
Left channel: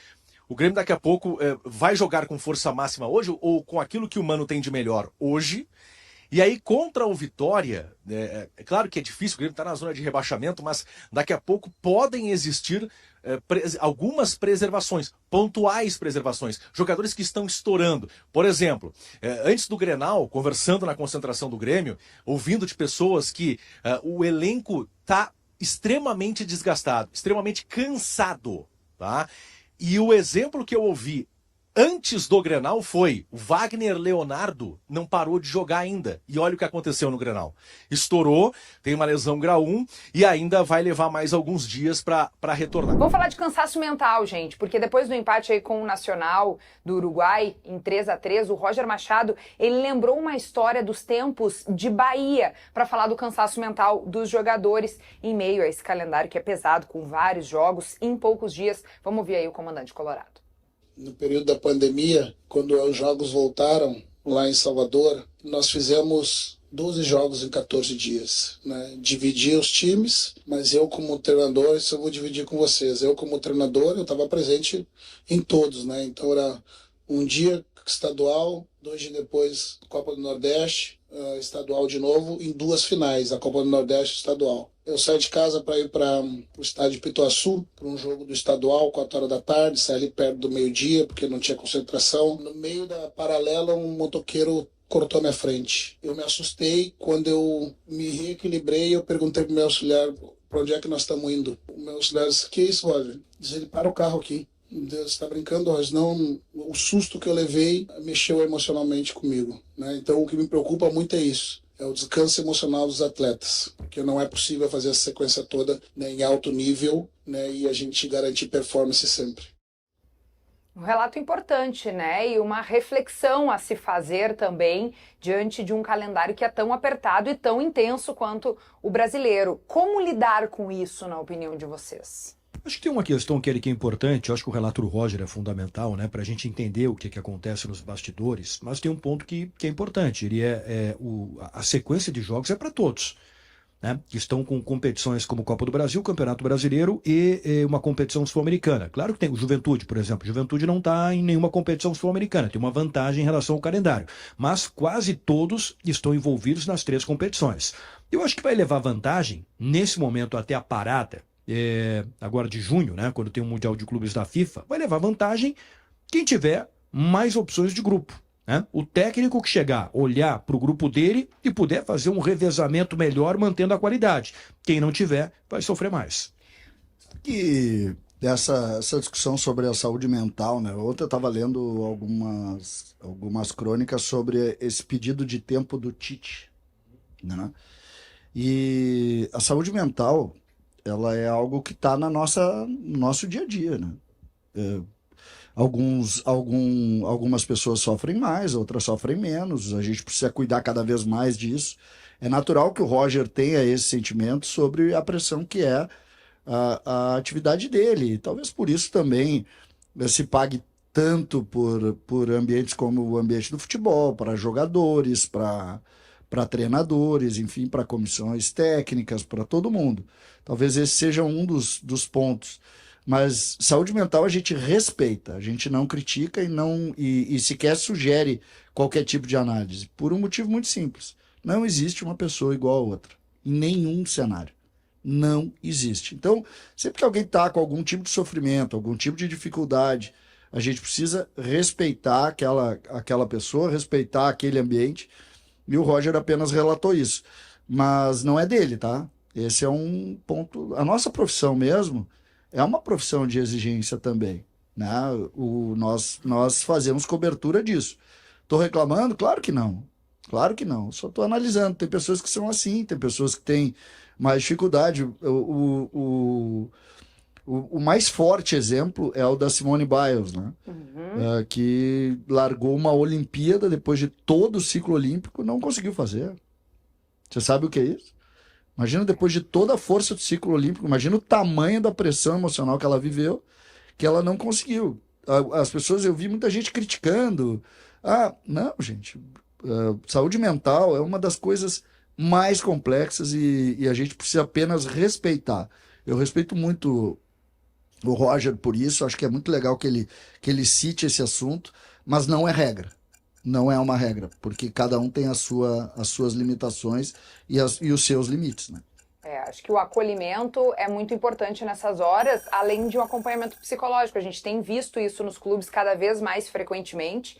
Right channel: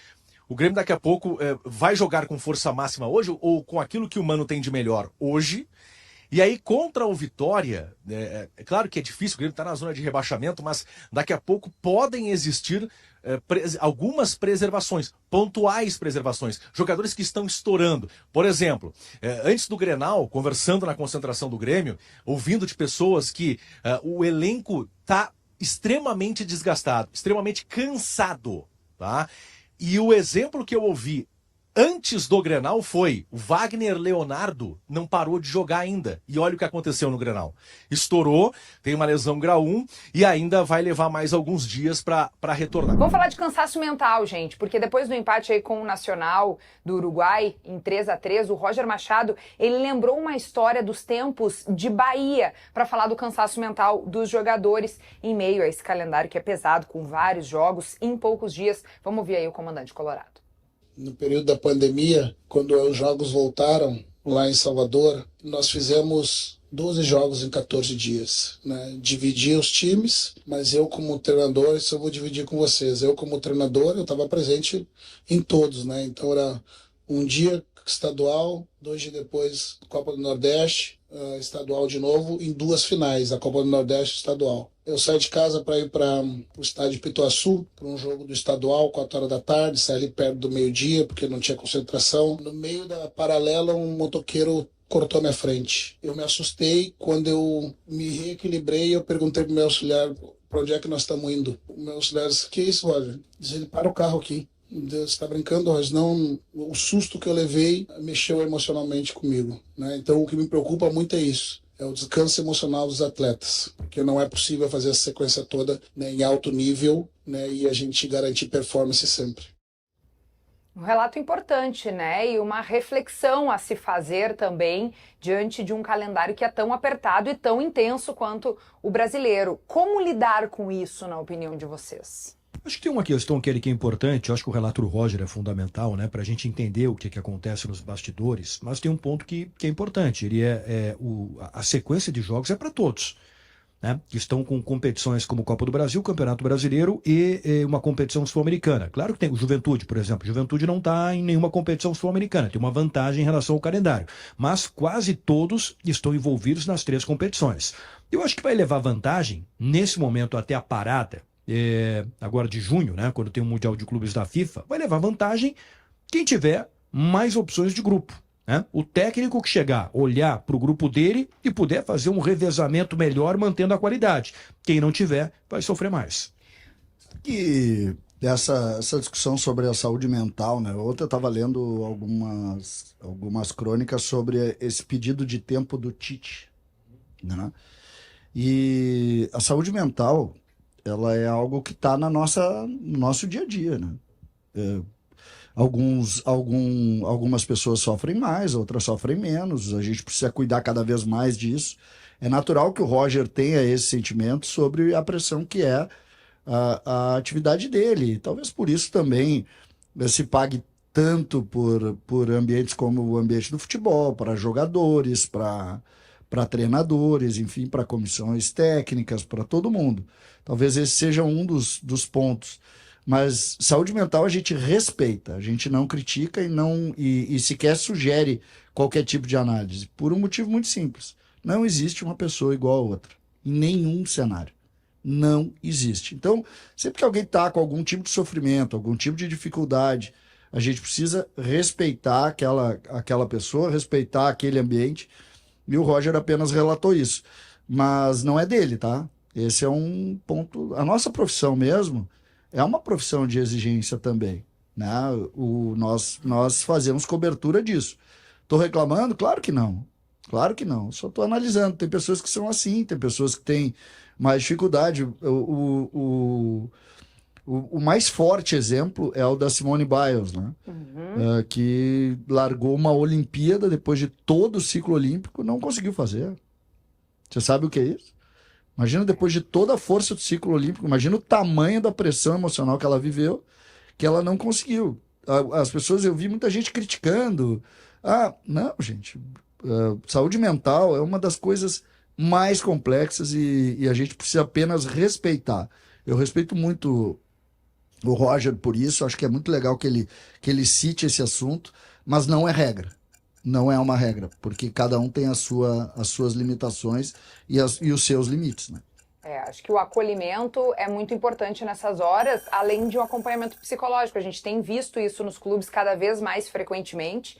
o Grêmio daqui a pouco vai jogar com força máxima hoje ou com aquilo que o Mano tem de melhor hoje. E aí contra o Vitória, é claro que é difícil, o Grêmio está na zona de rebaixamento, mas daqui a pouco podem existir algumas preservações, pontuais preservações, jogadores que estão estourando. Por exemplo, antes do Grenal, conversando na concentração do Grêmio, ouvindo de pessoas que o elenco está extremamente desgastado, extremamente cansado, tá? E o exemplo que eu ouvi antes do Grenal foi o Wagner Leonardo não parou de jogar ainda. E olha o que aconteceu no Grenal. Estourou, tem uma lesão grau 1 e ainda vai levar mais alguns dias para retornar. Vamos falar de cansaço mental, gente, porque depois do empate aí com o Nacional do Uruguai, em 3-3, o Roger Machado, ele lembrou uma história dos tempos de Bahia para falar do cansaço mental dos jogadores em meio a esse calendário que é pesado, com vários jogos em poucos dias. Vamos ouvir aí o comandante colorado. No período da pandemia, quando os jogos voltaram lá em Salvador, nós fizemos 12 jogos em 14 dias. Né? Dividi os times, mas eu como treinador, isso eu vou dividir com vocês. Eu como treinador, eu estava presente em todos. Né? Então era um dia estadual, 2 dias depois Copa do Nordeste, estadual de novo, em 2 finais, a Copa do Nordeste estadual. Eu saí de casa para ir para o estádio de Pituaçu, para um jogo do estadual, 4 horas da tarde, saí perto do meio-dia, porque não tinha concentração. No meio da paralela, um motoqueiro cortou minha frente. Eu me assustei, quando eu me reequilibrei, eu perguntei para o meu auxiliar, para onde é que nós estamos indo? O meu auxiliar disse, que isso, olha? Diz ele, para o carro aqui. Deus está brincando, mas não, o susto que eu levei mexeu emocionalmente comigo. Né? Então o que me preocupa muito é isso, é o descanso emocional dos atletas, porque não é possível fazer essa sequência toda, né, em alto nível, né, e a gente garantir performance sempre. Um relato importante, né? E uma reflexão a se fazer também diante de um calendário que é tão apertado e tão intenso quanto o brasileiro. Como lidar com isso, na opinião de vocês? Acho que tem uma questão que é importante, eu acho que o relato do Roger é fundamental, né, para a gente entender o que acontece nos bastidores, mas tem um ponto que é importante, ele a sequência de jogos é para todos, né, que estão com competições como Copa do Brasil, Campeonato Brasileiro e uma competição sul-americana. Claro que tem o Juventude, por exemplo, Juventude não está em nenhuma competição sul-americana, tem uma vantagem em relação ao calendário, mas quase todos estão envolvidos nas 3 competições. Eu acho que vai levar vantagem, nesse momento até a parada, agora de junho, né, quando tem o Mundial de Clubes da FIFA, vai levar vantagem quem tiver mais opções de grupo. Né? O técnico que chegar, olhar para o grupo dele e puder fazer um revezamento melhor, mantendo a qualidade. Quem não tiver, vai sofrer mais. E essa discussão sobre a saúde mental, né? Ontem eu estava lendo algumas crônicas sobre esse pedido de tempo do Tite. Né? E a saúde mental, ela é algo que está no nosso dia a dia, né? Algumas pessoas sofrem mais, outras sofrem menos. A gente precisa cuidar cada vez mais disso. É natural que o Roger tenha esse sentimento sobre a pressão que é a atividade dele. Talvez por isso também se pague tanto por ambientes como o ambiente do futebol, para jogadores, para treinadores, enfim, para comissões técnicas, para todo mundo. Talvez esse seja um dos pontos. Mas saúde mental a gente respeita, a gente não critica e sequer sugere qualquer tipo de análise, por um motivo muito simples. Não existe uma pessoa igual a outra, em nenhum cenário. Não existe. Então, sempre que alguém está com algum tipo de sofrimento, algum tipo de dificuldade, a gente precisa respeitar aquela pessoa, respeitar aquele ambiente, e o Roger apenas relatou isso. Mas não é dele, tá? Esse é um ponto... A nossa profissão mesmo é uma profissão de exigência também, né? Nós fazemos cobertura disso. Estou reclamando? Claro que não. Claro que não. Só estou analisando. Tem pessoas que são assim, tem pessoas que têm mais dificuldade. O mais forte exemplo é o da Simone Biles, né? Que largou uma Olimpíada depois de todo o ciclo olímpico, não conseguiu fazer. Você sabe o que é isso? Imagina depois de toda a força do ciclo olímpico, imagina o tamanho da pressão emocional que ela viveu, que ela não conseguiu. As pessoas, eu vi muita gente criticando. Não, gente, saúde mental é uma das coisas mais complexas e a gente precisa apenas respeitar. Eu respeito muito o Roger por isso, acho que é muito legal que ele cite esse assunto, mas não é regra. Não é uma regra, porque cada um tem as suas limitações e os seus limites, né? Acho que o acolhimento é muito importante nessas horas, além de um acompanhamento psicológico. A gente tem visto isso nos clubes cada vez mais frequentemente.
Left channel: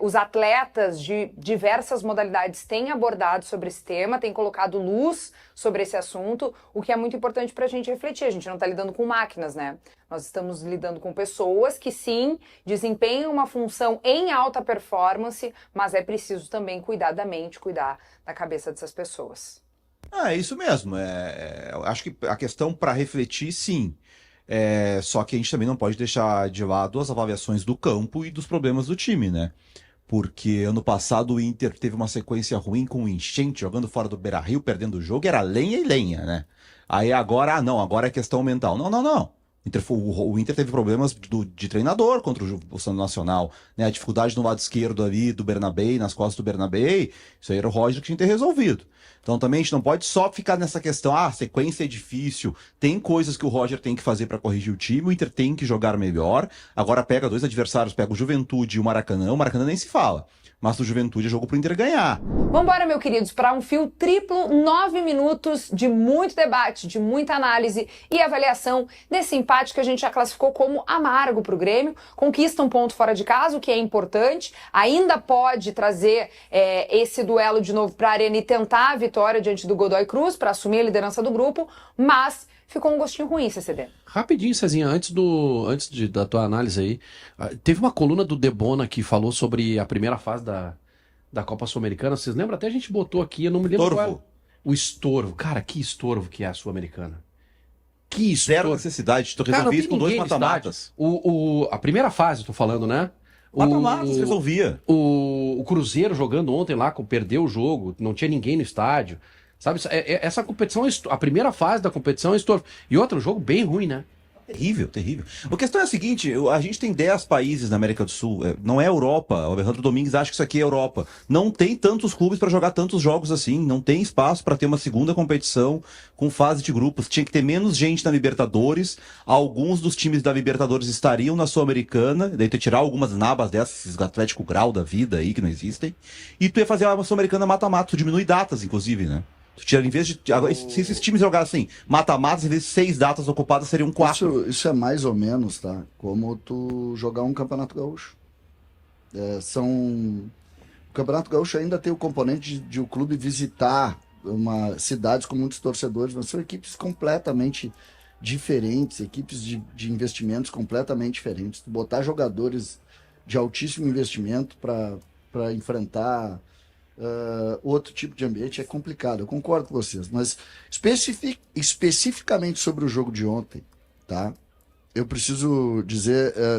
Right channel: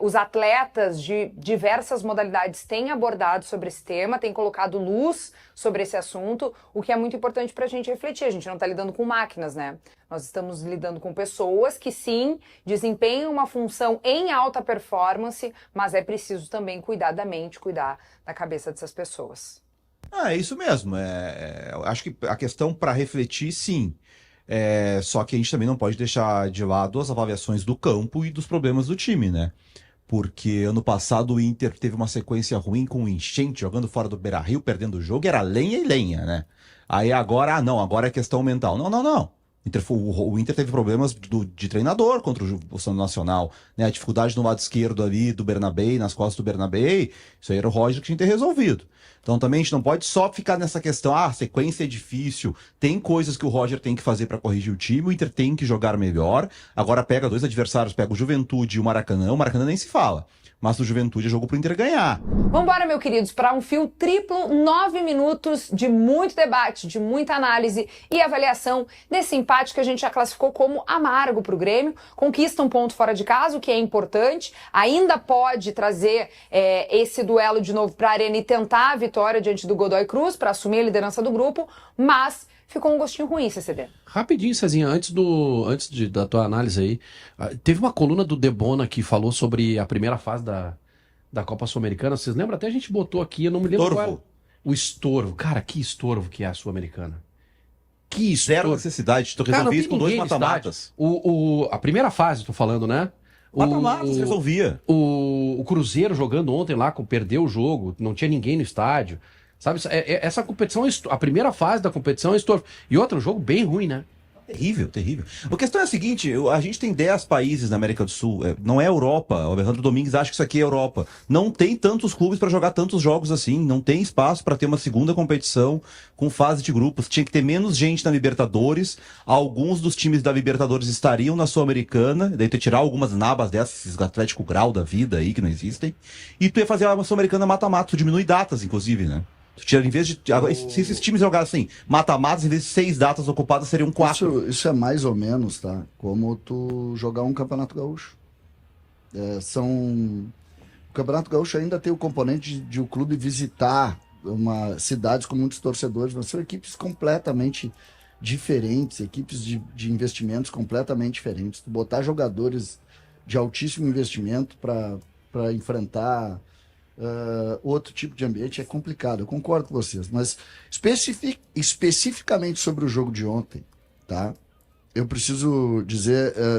Os atletas de diversas modalidades têm abordado sobre esse tema, têm colocado luz sobre esse assunto, o que é muito importante para a gente refletir. A gente não está lidando com máquinas, né? Nós estamos lidando com pessoas que, sim, desempenham uma função em alta performance, mas é preciso também cuidar da mente, cuidar da cabeça dessas pessoas. É isso mesmo. Acho que a questão para refletir, sim. Só que a gente também não pode deixar de lado as avaliações do campo e dos problemas do time, né? Porque ano passado o Inter teve uma sequência ruim com o Enchente, jogando fora do Beira-Rio, perdendo o jogo, era lenha e lenha, né? Aí agora, agora é questão mental. Não. O Inter teve problemas de treinador contra o Santos Nacional, né? A dificuldade no lado esquerdo ali do Bernabé, nas costas do Bernabé, isso aí era o Roger que tinha que ter resolvido. Então também a gente não pode só ficar nessa questão, a sequência é difícil, tem coisas que o Roger tem que fazer para corrigir o time, o Inter tem que jogar melhor. Agora pega dois adversários, pega o Juventude e o Maracanã nem se fala. Mas o Juventude é jogo pro Inter ganhar. Vambora, meus queridos, para um fio triplo, 9 minutos de muito debate, de muita análise e avaliação desse empate que a gente já classificou como amargo pro Grêmio. Conquista um ponto fora de casa, o que é importante. Ainda pode trazer esse duelo de novo para a Arena e tentar a vitória diante do Godoy Cruz para assumir a liderança do grupo, mas ficou um gostinho ruim, CCD. Rapidinho, Cezinha, antes da tua análise aí, teve uma coluna do Debona que falou sobre a primeira fase da Copa Sul-Americana. Vocês lembram? Até a gente botou aqui, eu não me lembro qual era. O estorvo. Cara, que estorvo que é a Sul-Americana. Que estorvo. Zero necessidade, tu resolvia isso com 2 mata-matas. A primeira fase, tô falando, né? Mata-matas resolvia. O Cruzeiro jogando ontem lá, perdeu o jogo, não tinha ninguém no estádio. Sabe, essa competição, a primeira fase da competição é estorvo. E outro jogo bem ruim, né? Terrível, terrível. A questão é a seguinte, a gente tem 10 países na América do Sul, não é Europa. O Alejandro Domingues acha que isso aqui é Europa. Não tem tantos clubes para jogar tantos jogos assim, não tem espaço para ter uma segunda competição com fase de grupos. Tinha que ter menos gente na Libertadores, alguns dos times da Libertadores estariam na Sul-Americana, daí tu ia tirar algumas nabas dessas, esses Atlético Grau da vida aí, que não existem, e tu ia fazer uma Sul-Americana mata-mata, tu diminui datas, inclusive, né? Em vez de. Se esses times jogassem mata-matas, em vez de 6 datas ocupadas, seriam 4. Isso é mais ou menos, tá? Como tu jogar um Campeonato Gaúcho. O Campeonato Gaúcho ainda tem o componente de o clube visitar cidades com muitos torcedores, mas são equipes completamente diferentes, equipes de investimentos completamente diferentes. Tu botar jogadores de altíssimo investimento para enfrentar outro tipo de ambiente é complicado, eu concordo com vocês, mas especificamente sobre o jogo de ontem, tá? Eu preciso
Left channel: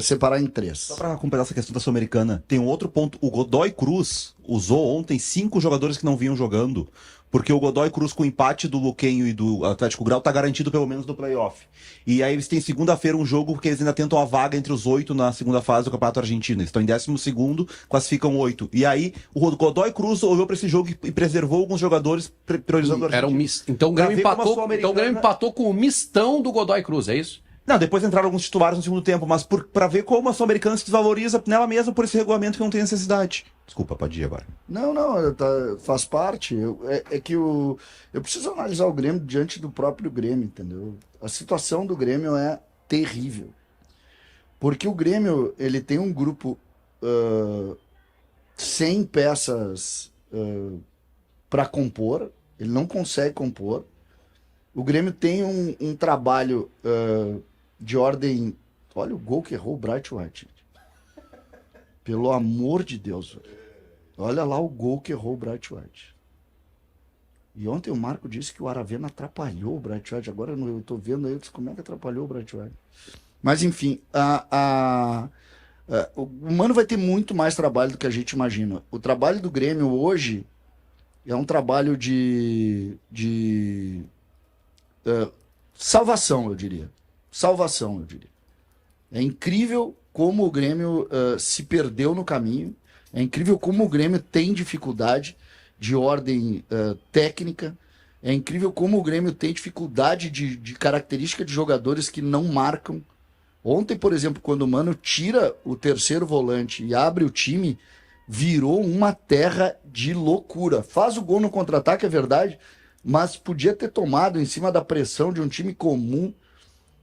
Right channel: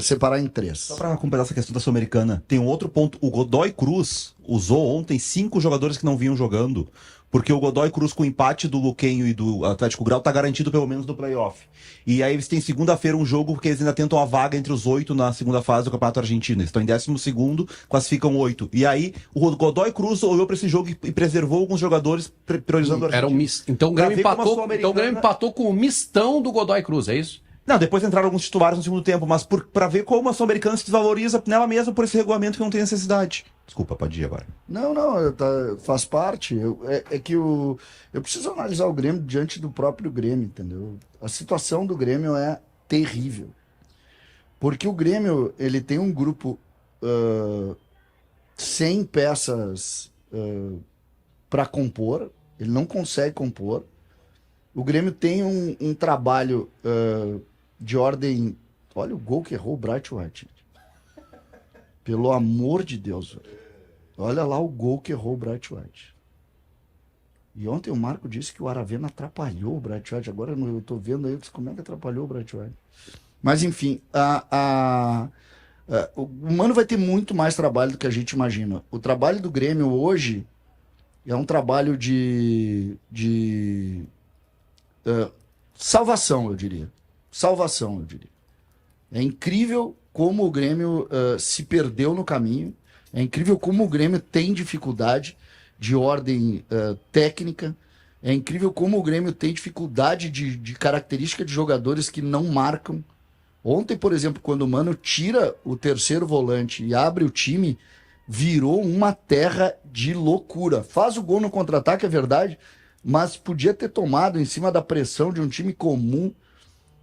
separar em 3. Só para completar essa questão da Sul-Americana, tem um outro ponto. O Godoy Cruz usou ontem 5 jogadores que não vinham jogando, porque o Godoy Cruz, com o empate do Luquenho e do Atlético Grau, tá garantido pelo menos do playoff. E aí eles têm segunda-feira um jogo porque eles ainda tentam a vaga entre os 8 na segunda fase do Campeonato Argentino. Eles estão em 12º, classificam 8. E aí o Godoy Cruz olhou para esse jogo e preservou alguns jogadores priorizando o Argentino. Então o Grêmio empatou com o mistão do Godoy Cruz, é isso? Não, depois entraram alguns titulares no segundo tempo, mas pra ver como a Sul-Americana se desvaloriza nela mesma por esse regulamento que não tem necessidade. Desculpa, pode ir agora. Não, faz parte. Eu preciso analisar o Grêmio diante do próprio Grêmio, entendeu? A situação do Grêmio é terrível. Porque o Grêmio, ele tem um grupo 100 peças para compor, ele não consegue compor. O Grêmio tem um trabalho de ordem... Olha o gol que errou o Bright White. Pelo amor de Deus, velho. Olha lá o gol que errou o Bright White. E ontem o Marco disse que o Aravena atrapalhou o Bright White. Agora eu estou vendo aí como é que atrapalhou o Bright White. Mas enfim, o Mano vai ter muito mais trabalho do que a gente imagina. O trabalho do Grêmio hoje é um trabalho de salvação, eu diria. Salvação, eu diria. É incrível como o Grêmio se perdeu no caminho. É incrível como o Grêmio tem dificuldade de ordem técnica. É incrível como o Grêmio tem dificuldade de característica de jogadores que não marcam. Ontem, por exemplo, quando o Mano tira o terceiro volante e abre o time, virou uma terra de loucura. Faz o gol no contra-ataque, é verdade, mas podia ter tomado em cima da pressão de um time comum.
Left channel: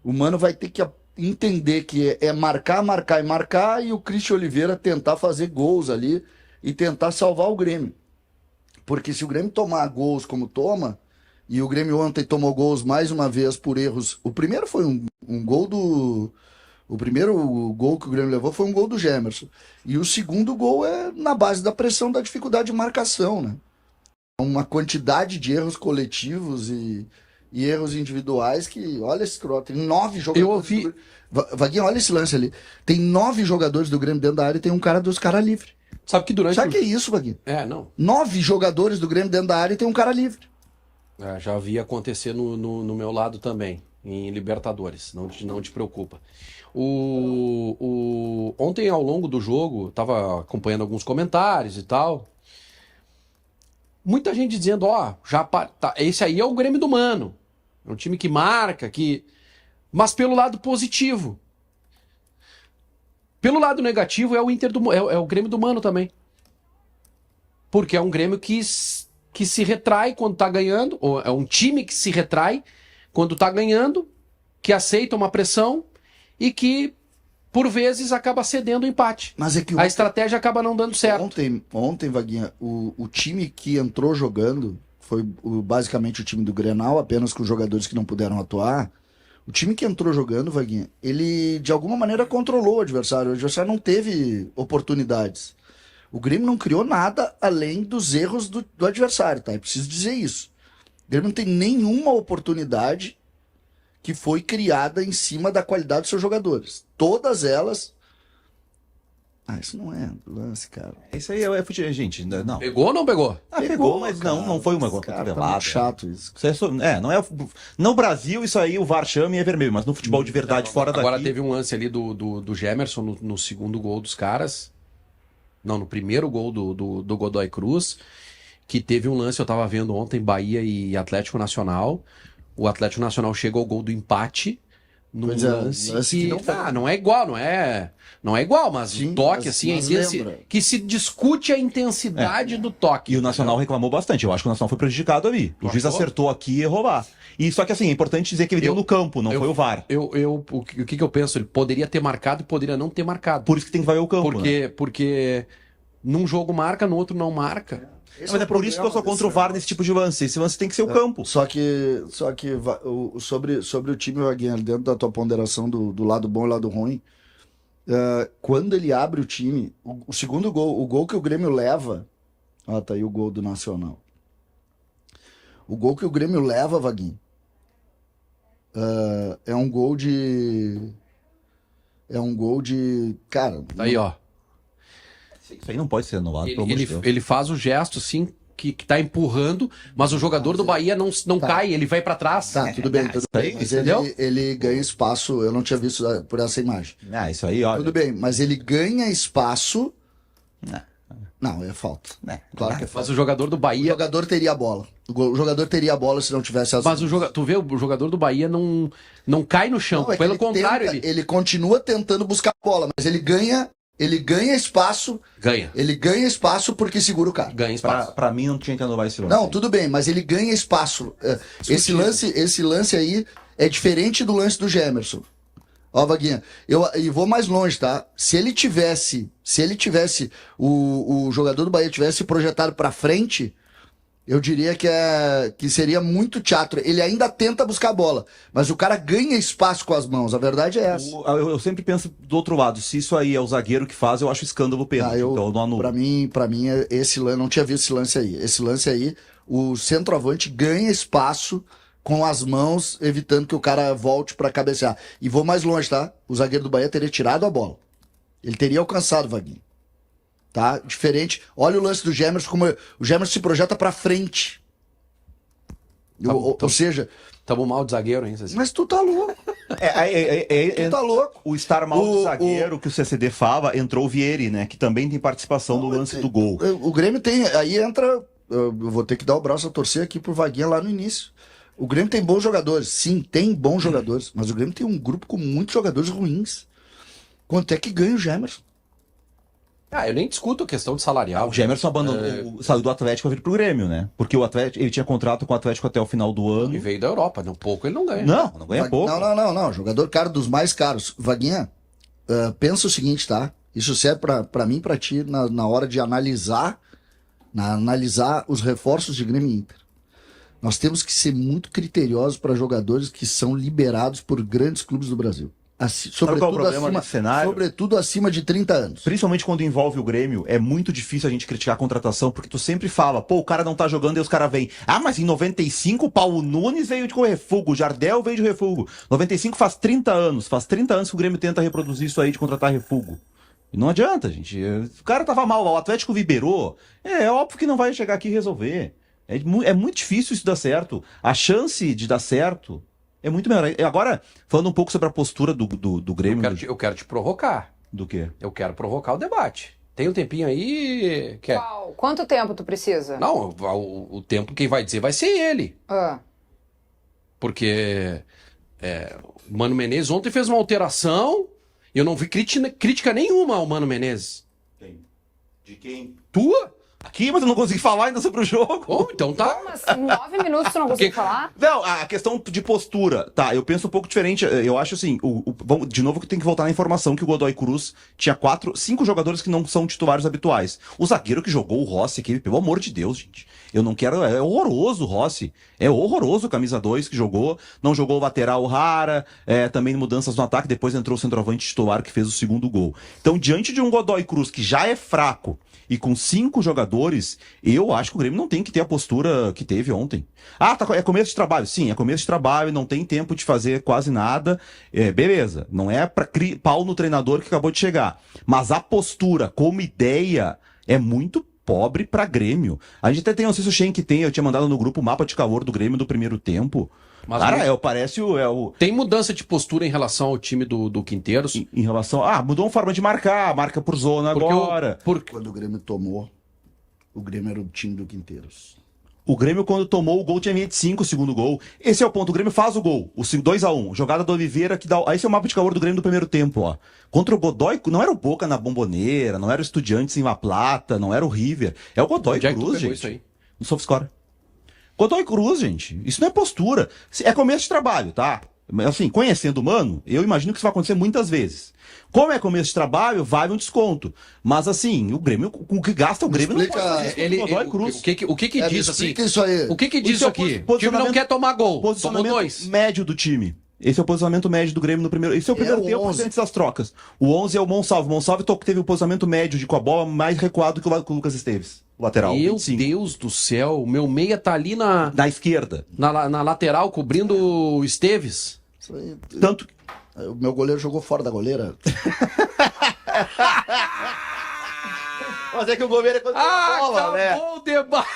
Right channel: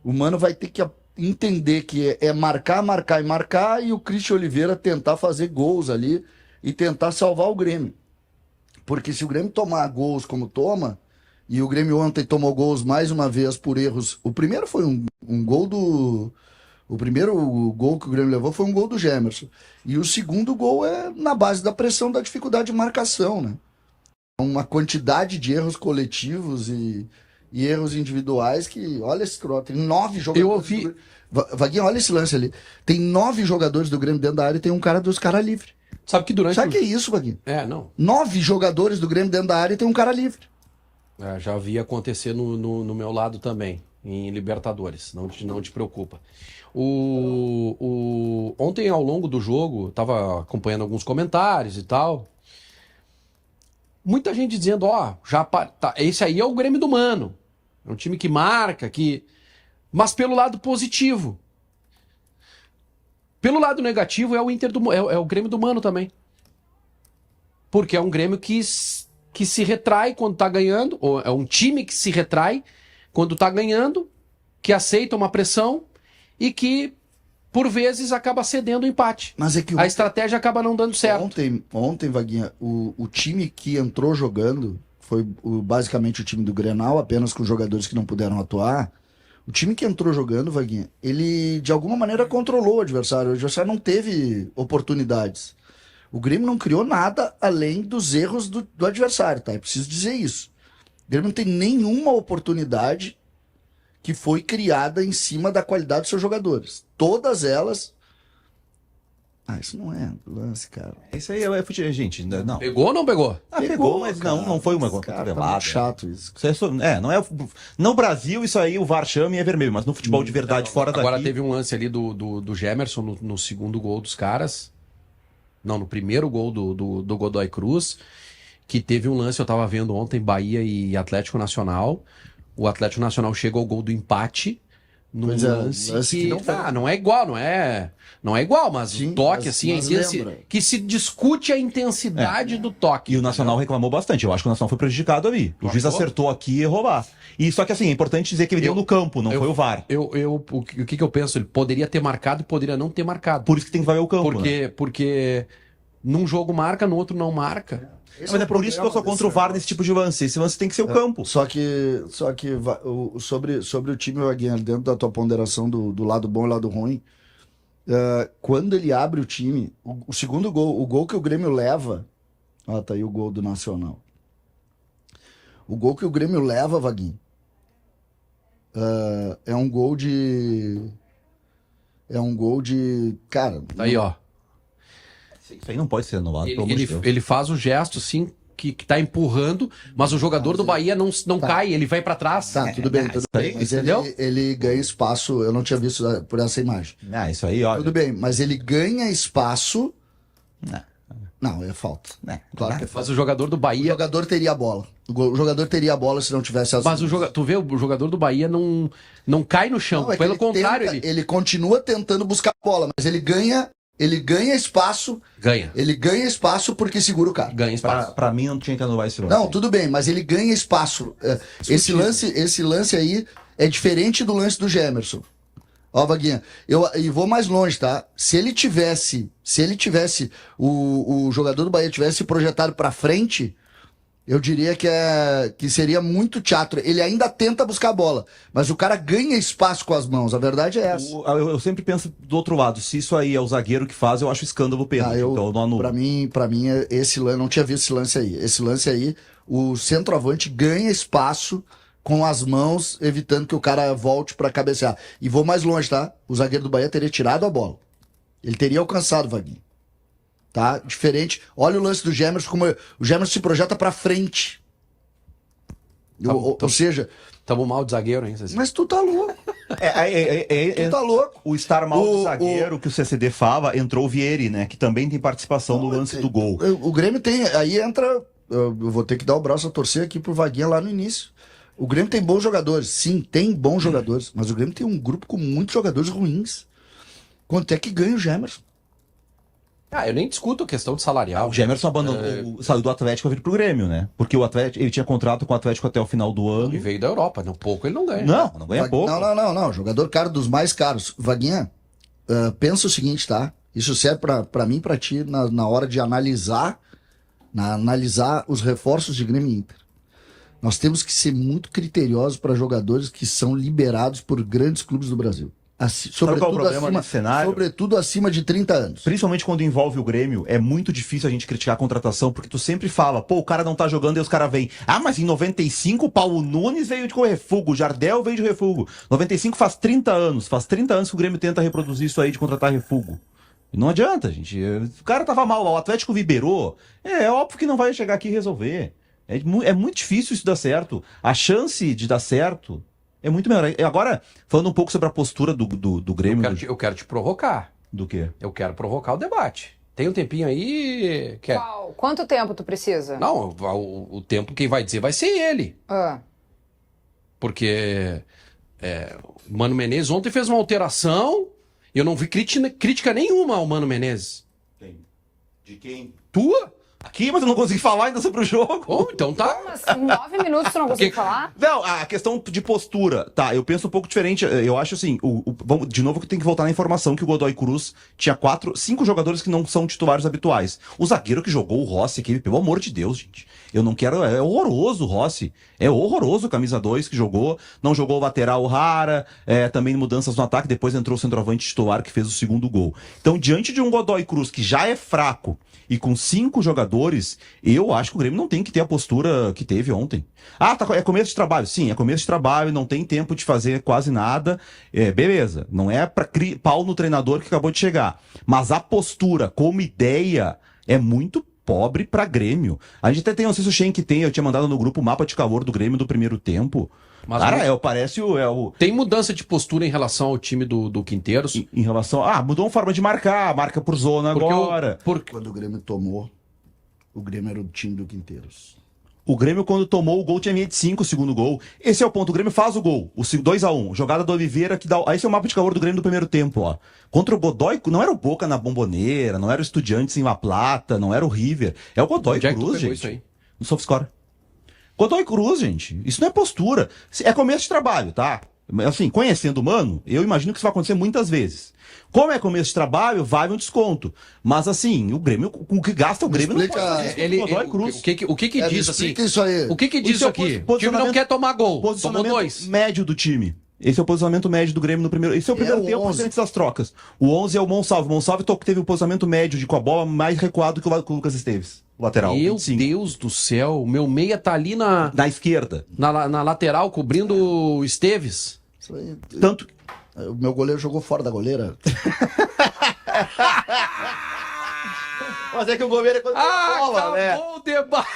O Mano vai ter que entender que é marcar, marcar e marcar, e o Christian Oliveira tentar fazer gols ali e tentar salvar o Grêmio. Porque se o Grêmio tomar gols como toma, e o Grêmio ontem tomou gols mais uma vez por erros. O primeiro foi um gol do... O primeiro gol que o Grêmio levou foi um gol do Gemerson. E o segundo gol é na base da pressão, da dificuldade de marcação, né? Uma quantidade de erros coletivos e erros individuais que... Olha esse troço, tem 9 jogadores... Eu ouvi... Vaguinho, olha esse lance ali. Tem 9 jogadores do Grêmio dentro da área e tem um cara dos caras livre. Sabe que durante... Sabe o que é isso, Vaguinho? 9 jogadores do Grêmio dentro da área e tem um cara livre. Já vi acontecer no meu lado também, em Libertadores. Não te preocupa. Ontem, ao longo do jogo, estava acompanhando alguns comentários e tal. Muita gente dizendo, esse aí é o Grêmio do Mano. É um time que marca, mas pelo lado positivo. Pelo lado negativo é o Grêmio do Mano também. Porque é um Grêmio que se retrai quando tá ganhando, ou é um time que se retrai quando tá ganhando, que aceita uma pressão e que, por vezes, acaba cedendo o empate. Mas é que a estratégia acaba não dando certo. Ontem, Vaguinha, o time que entrou jogando foi basicamente o time do Grenal, apenas com jogadores que não puderam atuar. O time que entrou jogando, Vaguinha, ele de alguma maneira controlou o adversário. O adversário não teve oportunidades. O Grêmio não criou nada além dos erros do adversário, tá? É preciso dizer isso. O Grêmio não tem nenhuma oportunidade que foi criada em cima da qualidade dos seus jogadores. Todas elas... isso não é lance, cara. Isso aí é futebol, gente. Não. Pegou ou não pegou? Pegou, mas cara, não foi uma cotovelada. Tá muito chato isso. Não é... No Brasil, isso aí, o VAR chama e é vermelho, mas no futebol de verdade, fora daqui... Agora teve um lance ali do Gemerson no segundo gol dos caras. Não, no primeiro gol do Godoy Cruz, que teve um lance, eu tava vendo ontem, Bahia e Atlético Nacional. O Atlético Nacional chega ao gol do empate num lance que não é igual, não é igual, mas o toque, assim, que se discute a intensidade do toque. E o Nacional reclamou bastante. Eu acho que o Nacional foi prejudicado ali. O juiz acertou aqui e errou lá. E só que assim, é importante dizer que ele deu no campo, não foi o VAR. O que eu penso? Ele poderia ter marcado e poderia não ter marcado. Por isso que tem que valer o campo. Porque num jogo marca, no outro não marca. Mas é por isso que eu sou contra o VAR nesse tipo de lance. Esse lance tem que ser o campo. Só que sobre o time, Vaguinha, dentro da tua ponderação do lado bom e lado ruim, quando ele abre o time, o segundo gol, o gol que o Grêmio leva, tá aí o gol do Nacional. O gol que o Grêmio leva, Vaguinho, é um gol de... Cara... Tá aí, ó. Isso aí não pode ser anulado, pelo amor de Deus. Ele faz o gesto, assim, que tá empurrando, mas o jogador do Bahia não cai, ele vai pra trás. Tá, tudo bem. Mas ele ganha espaço, eu não tinha visto por essa imagem. Isso aí, ó. Tudo bem, mas ele ganha espaço Não, é falta. Claro que é falta. Mas o jogador do O Bahia... jogador teria a bola. O jogador teria a bola se não tivesse as Mas tu vê, o jogador do Bahia não cai no chão. Não, é que Pelo ele contrário, tenta, ele continua tentando buscar a bola, mas ele ganha espaço. Ganha. Ele ganha espaço porque segura o cara. Ganha espaço. Pra mim não tinha que anular esse lance. Não, tudo bem, mas ele ganha espaço. Esse lance aí é diferente do lance do Gemerson. Ó, Vaguinha, eu vou mais longe, tá? Se ele tivesse, o jogador do Bahia tivesse projetado pra frente, eu diria que seria muito teatro. Ele ainda tenta buscar a bola, mas o cara ganha espaço com as mãos. A verdade é essa. Eu sempre penso do outro lado. Se isso aí é o zagueiro que faz, eu acho escândalo pênalti. Então eu não anulo. Pra mim, esse lance, não tinha visto esse lance aí. Esse lance aí, o centroavante ganha espaço com as mãos, evitando que o cara volte pra cabecear. E vou mais longe, tá? O zagueiro do Bahia teria tirado a bola. Ele teria alcançado, Vaguinho. Tá? Diferente. Olha o lance do Gemerson, como o Gemerson se projeta pra frente. Ou seja... Tamo mal de zagueiro, hein, Cecília? Mas tu tá louco. Tu tá louco. O estar mal do zagueiro que o CCD fala, entrou o Vieri, né? Que também tem participação no lance do gol. O Grêmio tem... Aí entra... Eu vou ter que dar o braço a torcer aqui pro Vaguinha lá no início. O Grêmio tem bons jogadores. Sim, tem bons jogadores. Mas o Grêmio tem um grupo com muitos jogadores ruins. Quanto é que ganha o Gemerson? Eu nem discuto a questão de salarial. O Gemerson abandonou, saiu do Atlético a vir pro Grêmio, né? Porque o Atlético, ele tinha contrato com o Atlético até o final do ano. E veio da Europa, um pouco ele não ganha. Não ganha pouco. Não. Jogador caro dos mais caros. Vaguinha, pensa o seguinte, tá? Isso serve pra mim e pra ti na hora de analisar os reforços de Grêmio e Inter. Nós temos que ser muito criteriosos para jogadores que são liberados por grandes clubes do Brasil. Sobretudo acima de 30 anos. Principalmente quando envolve o Grêmio, é muito difícil a gente criticar a contratação, porque tu sempre fala, o cara não tá jogando e os caras vêm. Mas em 95 o Paulo Nunes veio de refugo, o Jardel veio de refugo. 95 faz 30 anos que o Grêmio tenta reproduzir isso aí de contratar refugo. E não adianta, gente. O cara tava mal, o Atlético liberou. É óbvio que não vai chegar aqui e resolver. É muito difícil isso dar certo. A chance de dar certo é muito menor. Agora, falando um pouco sobre a postura do Grêmio... Eu quero te provocar. Do quê? Eu quero provocar o debate. Tem um tempinho aí... Qual? Quanto tempo tu precisa? Não, o tempo quem vai dizer vai ser ele. Porque o Mano Menezes ontem fez uma alteração e eu não vi crítica nenhuma ao Mano Menezes. Quem? De quem? Tua? Aqui, mas eu não consegui falar ainda sobre o jogo. Então tá. Mas 9 minutos tu não conseguiu falar? Não, a questão de postura, tá, eu penso um pouco diferente. Eu acho assim, de novo que tem que voltar na informação que o Godoy Cruz tinha 5 jogadores que não são titulares habituais. O zagueiro que jogou, o Rossi, aquele, pelo amor de Deus, gente. Eu não quero... É horroroso o Rossi. É horroroso o camisa 2 que jogou. Não jogou o lateral rara. Também mudanças no ataque. Depois entrou o centroavante titular que fez o segundo gol. Então, diante de um Godoy Cruz que já é fraco e com 5 jogadores, eu acho que o Grêmio não tem que ter a postura que teve ontem. É começo de trabalho. Sim, é começo de trabalho, não tem tempo de fazer quase nada. Beleza, não é pra pau no treinador que acabou de chegar. Mas a postura como ideia é muito pobre pra Grêmio. A gente até tem, não sei se o Schenck tem, eu tinha mandado no grupo o mapa de calor do Grêmio do primeiro tempo. Mas cara, parece o... Tem mudança de postura em relação ao time do Quinteiros? Em relação... mudou uma forma de marca por zona agora. Quando o Grêmio tomou, o Grêmio era o time do Quinteiros. O Grêmio, quando tomou o gol, tinha linha de 5 o segundo gol. Esse é o ponto. O Grêmio faz o gol. O 2-1. Jogada do Oliveira que dá... Esse é o mapa de calor do Grêmio do primeiro tempo, ó. Contra o Godoy, não era o Boca na Bomboneira, não era o Estudiantes em La Plata, não era o River. É o Godoy Cruz, gente. Isso aí? No SofaScore. Godoy Cruz, gente. Isso não é postura. É começo de trabalho, tá? Assim, conhecendo o Mano, eu imagino que isso vai acontecer muitas vezes. Como é começo de trabalho, vale um desconto. Mas assim, o Grêmio, com o que gasta o Grêmio, não pode fazer isso com o Godoy Cruz. O que diz assim? Isso aí. O que diz isso aqui? O time não quer tomar gol. Tomou 2. Médio do time. Esse é o posicionamento médio do Grêmio no primeiro... Esse é o primeiro tempo antes das trocas. O 11 é o Monsalve. O Monsalve teve o posicionamento médio com a bola mais recuado que o Lucas Esteves. O lateral. Meu 25. Deus do céu. O meu meia tá ali na esquerda. Na lateral, cobrindo o Esteves. Isso aí. Tanto... O meu goleiro jogou fora da goleira. Mas é que o goleiro é quando tem bola, né? Acabou o debate.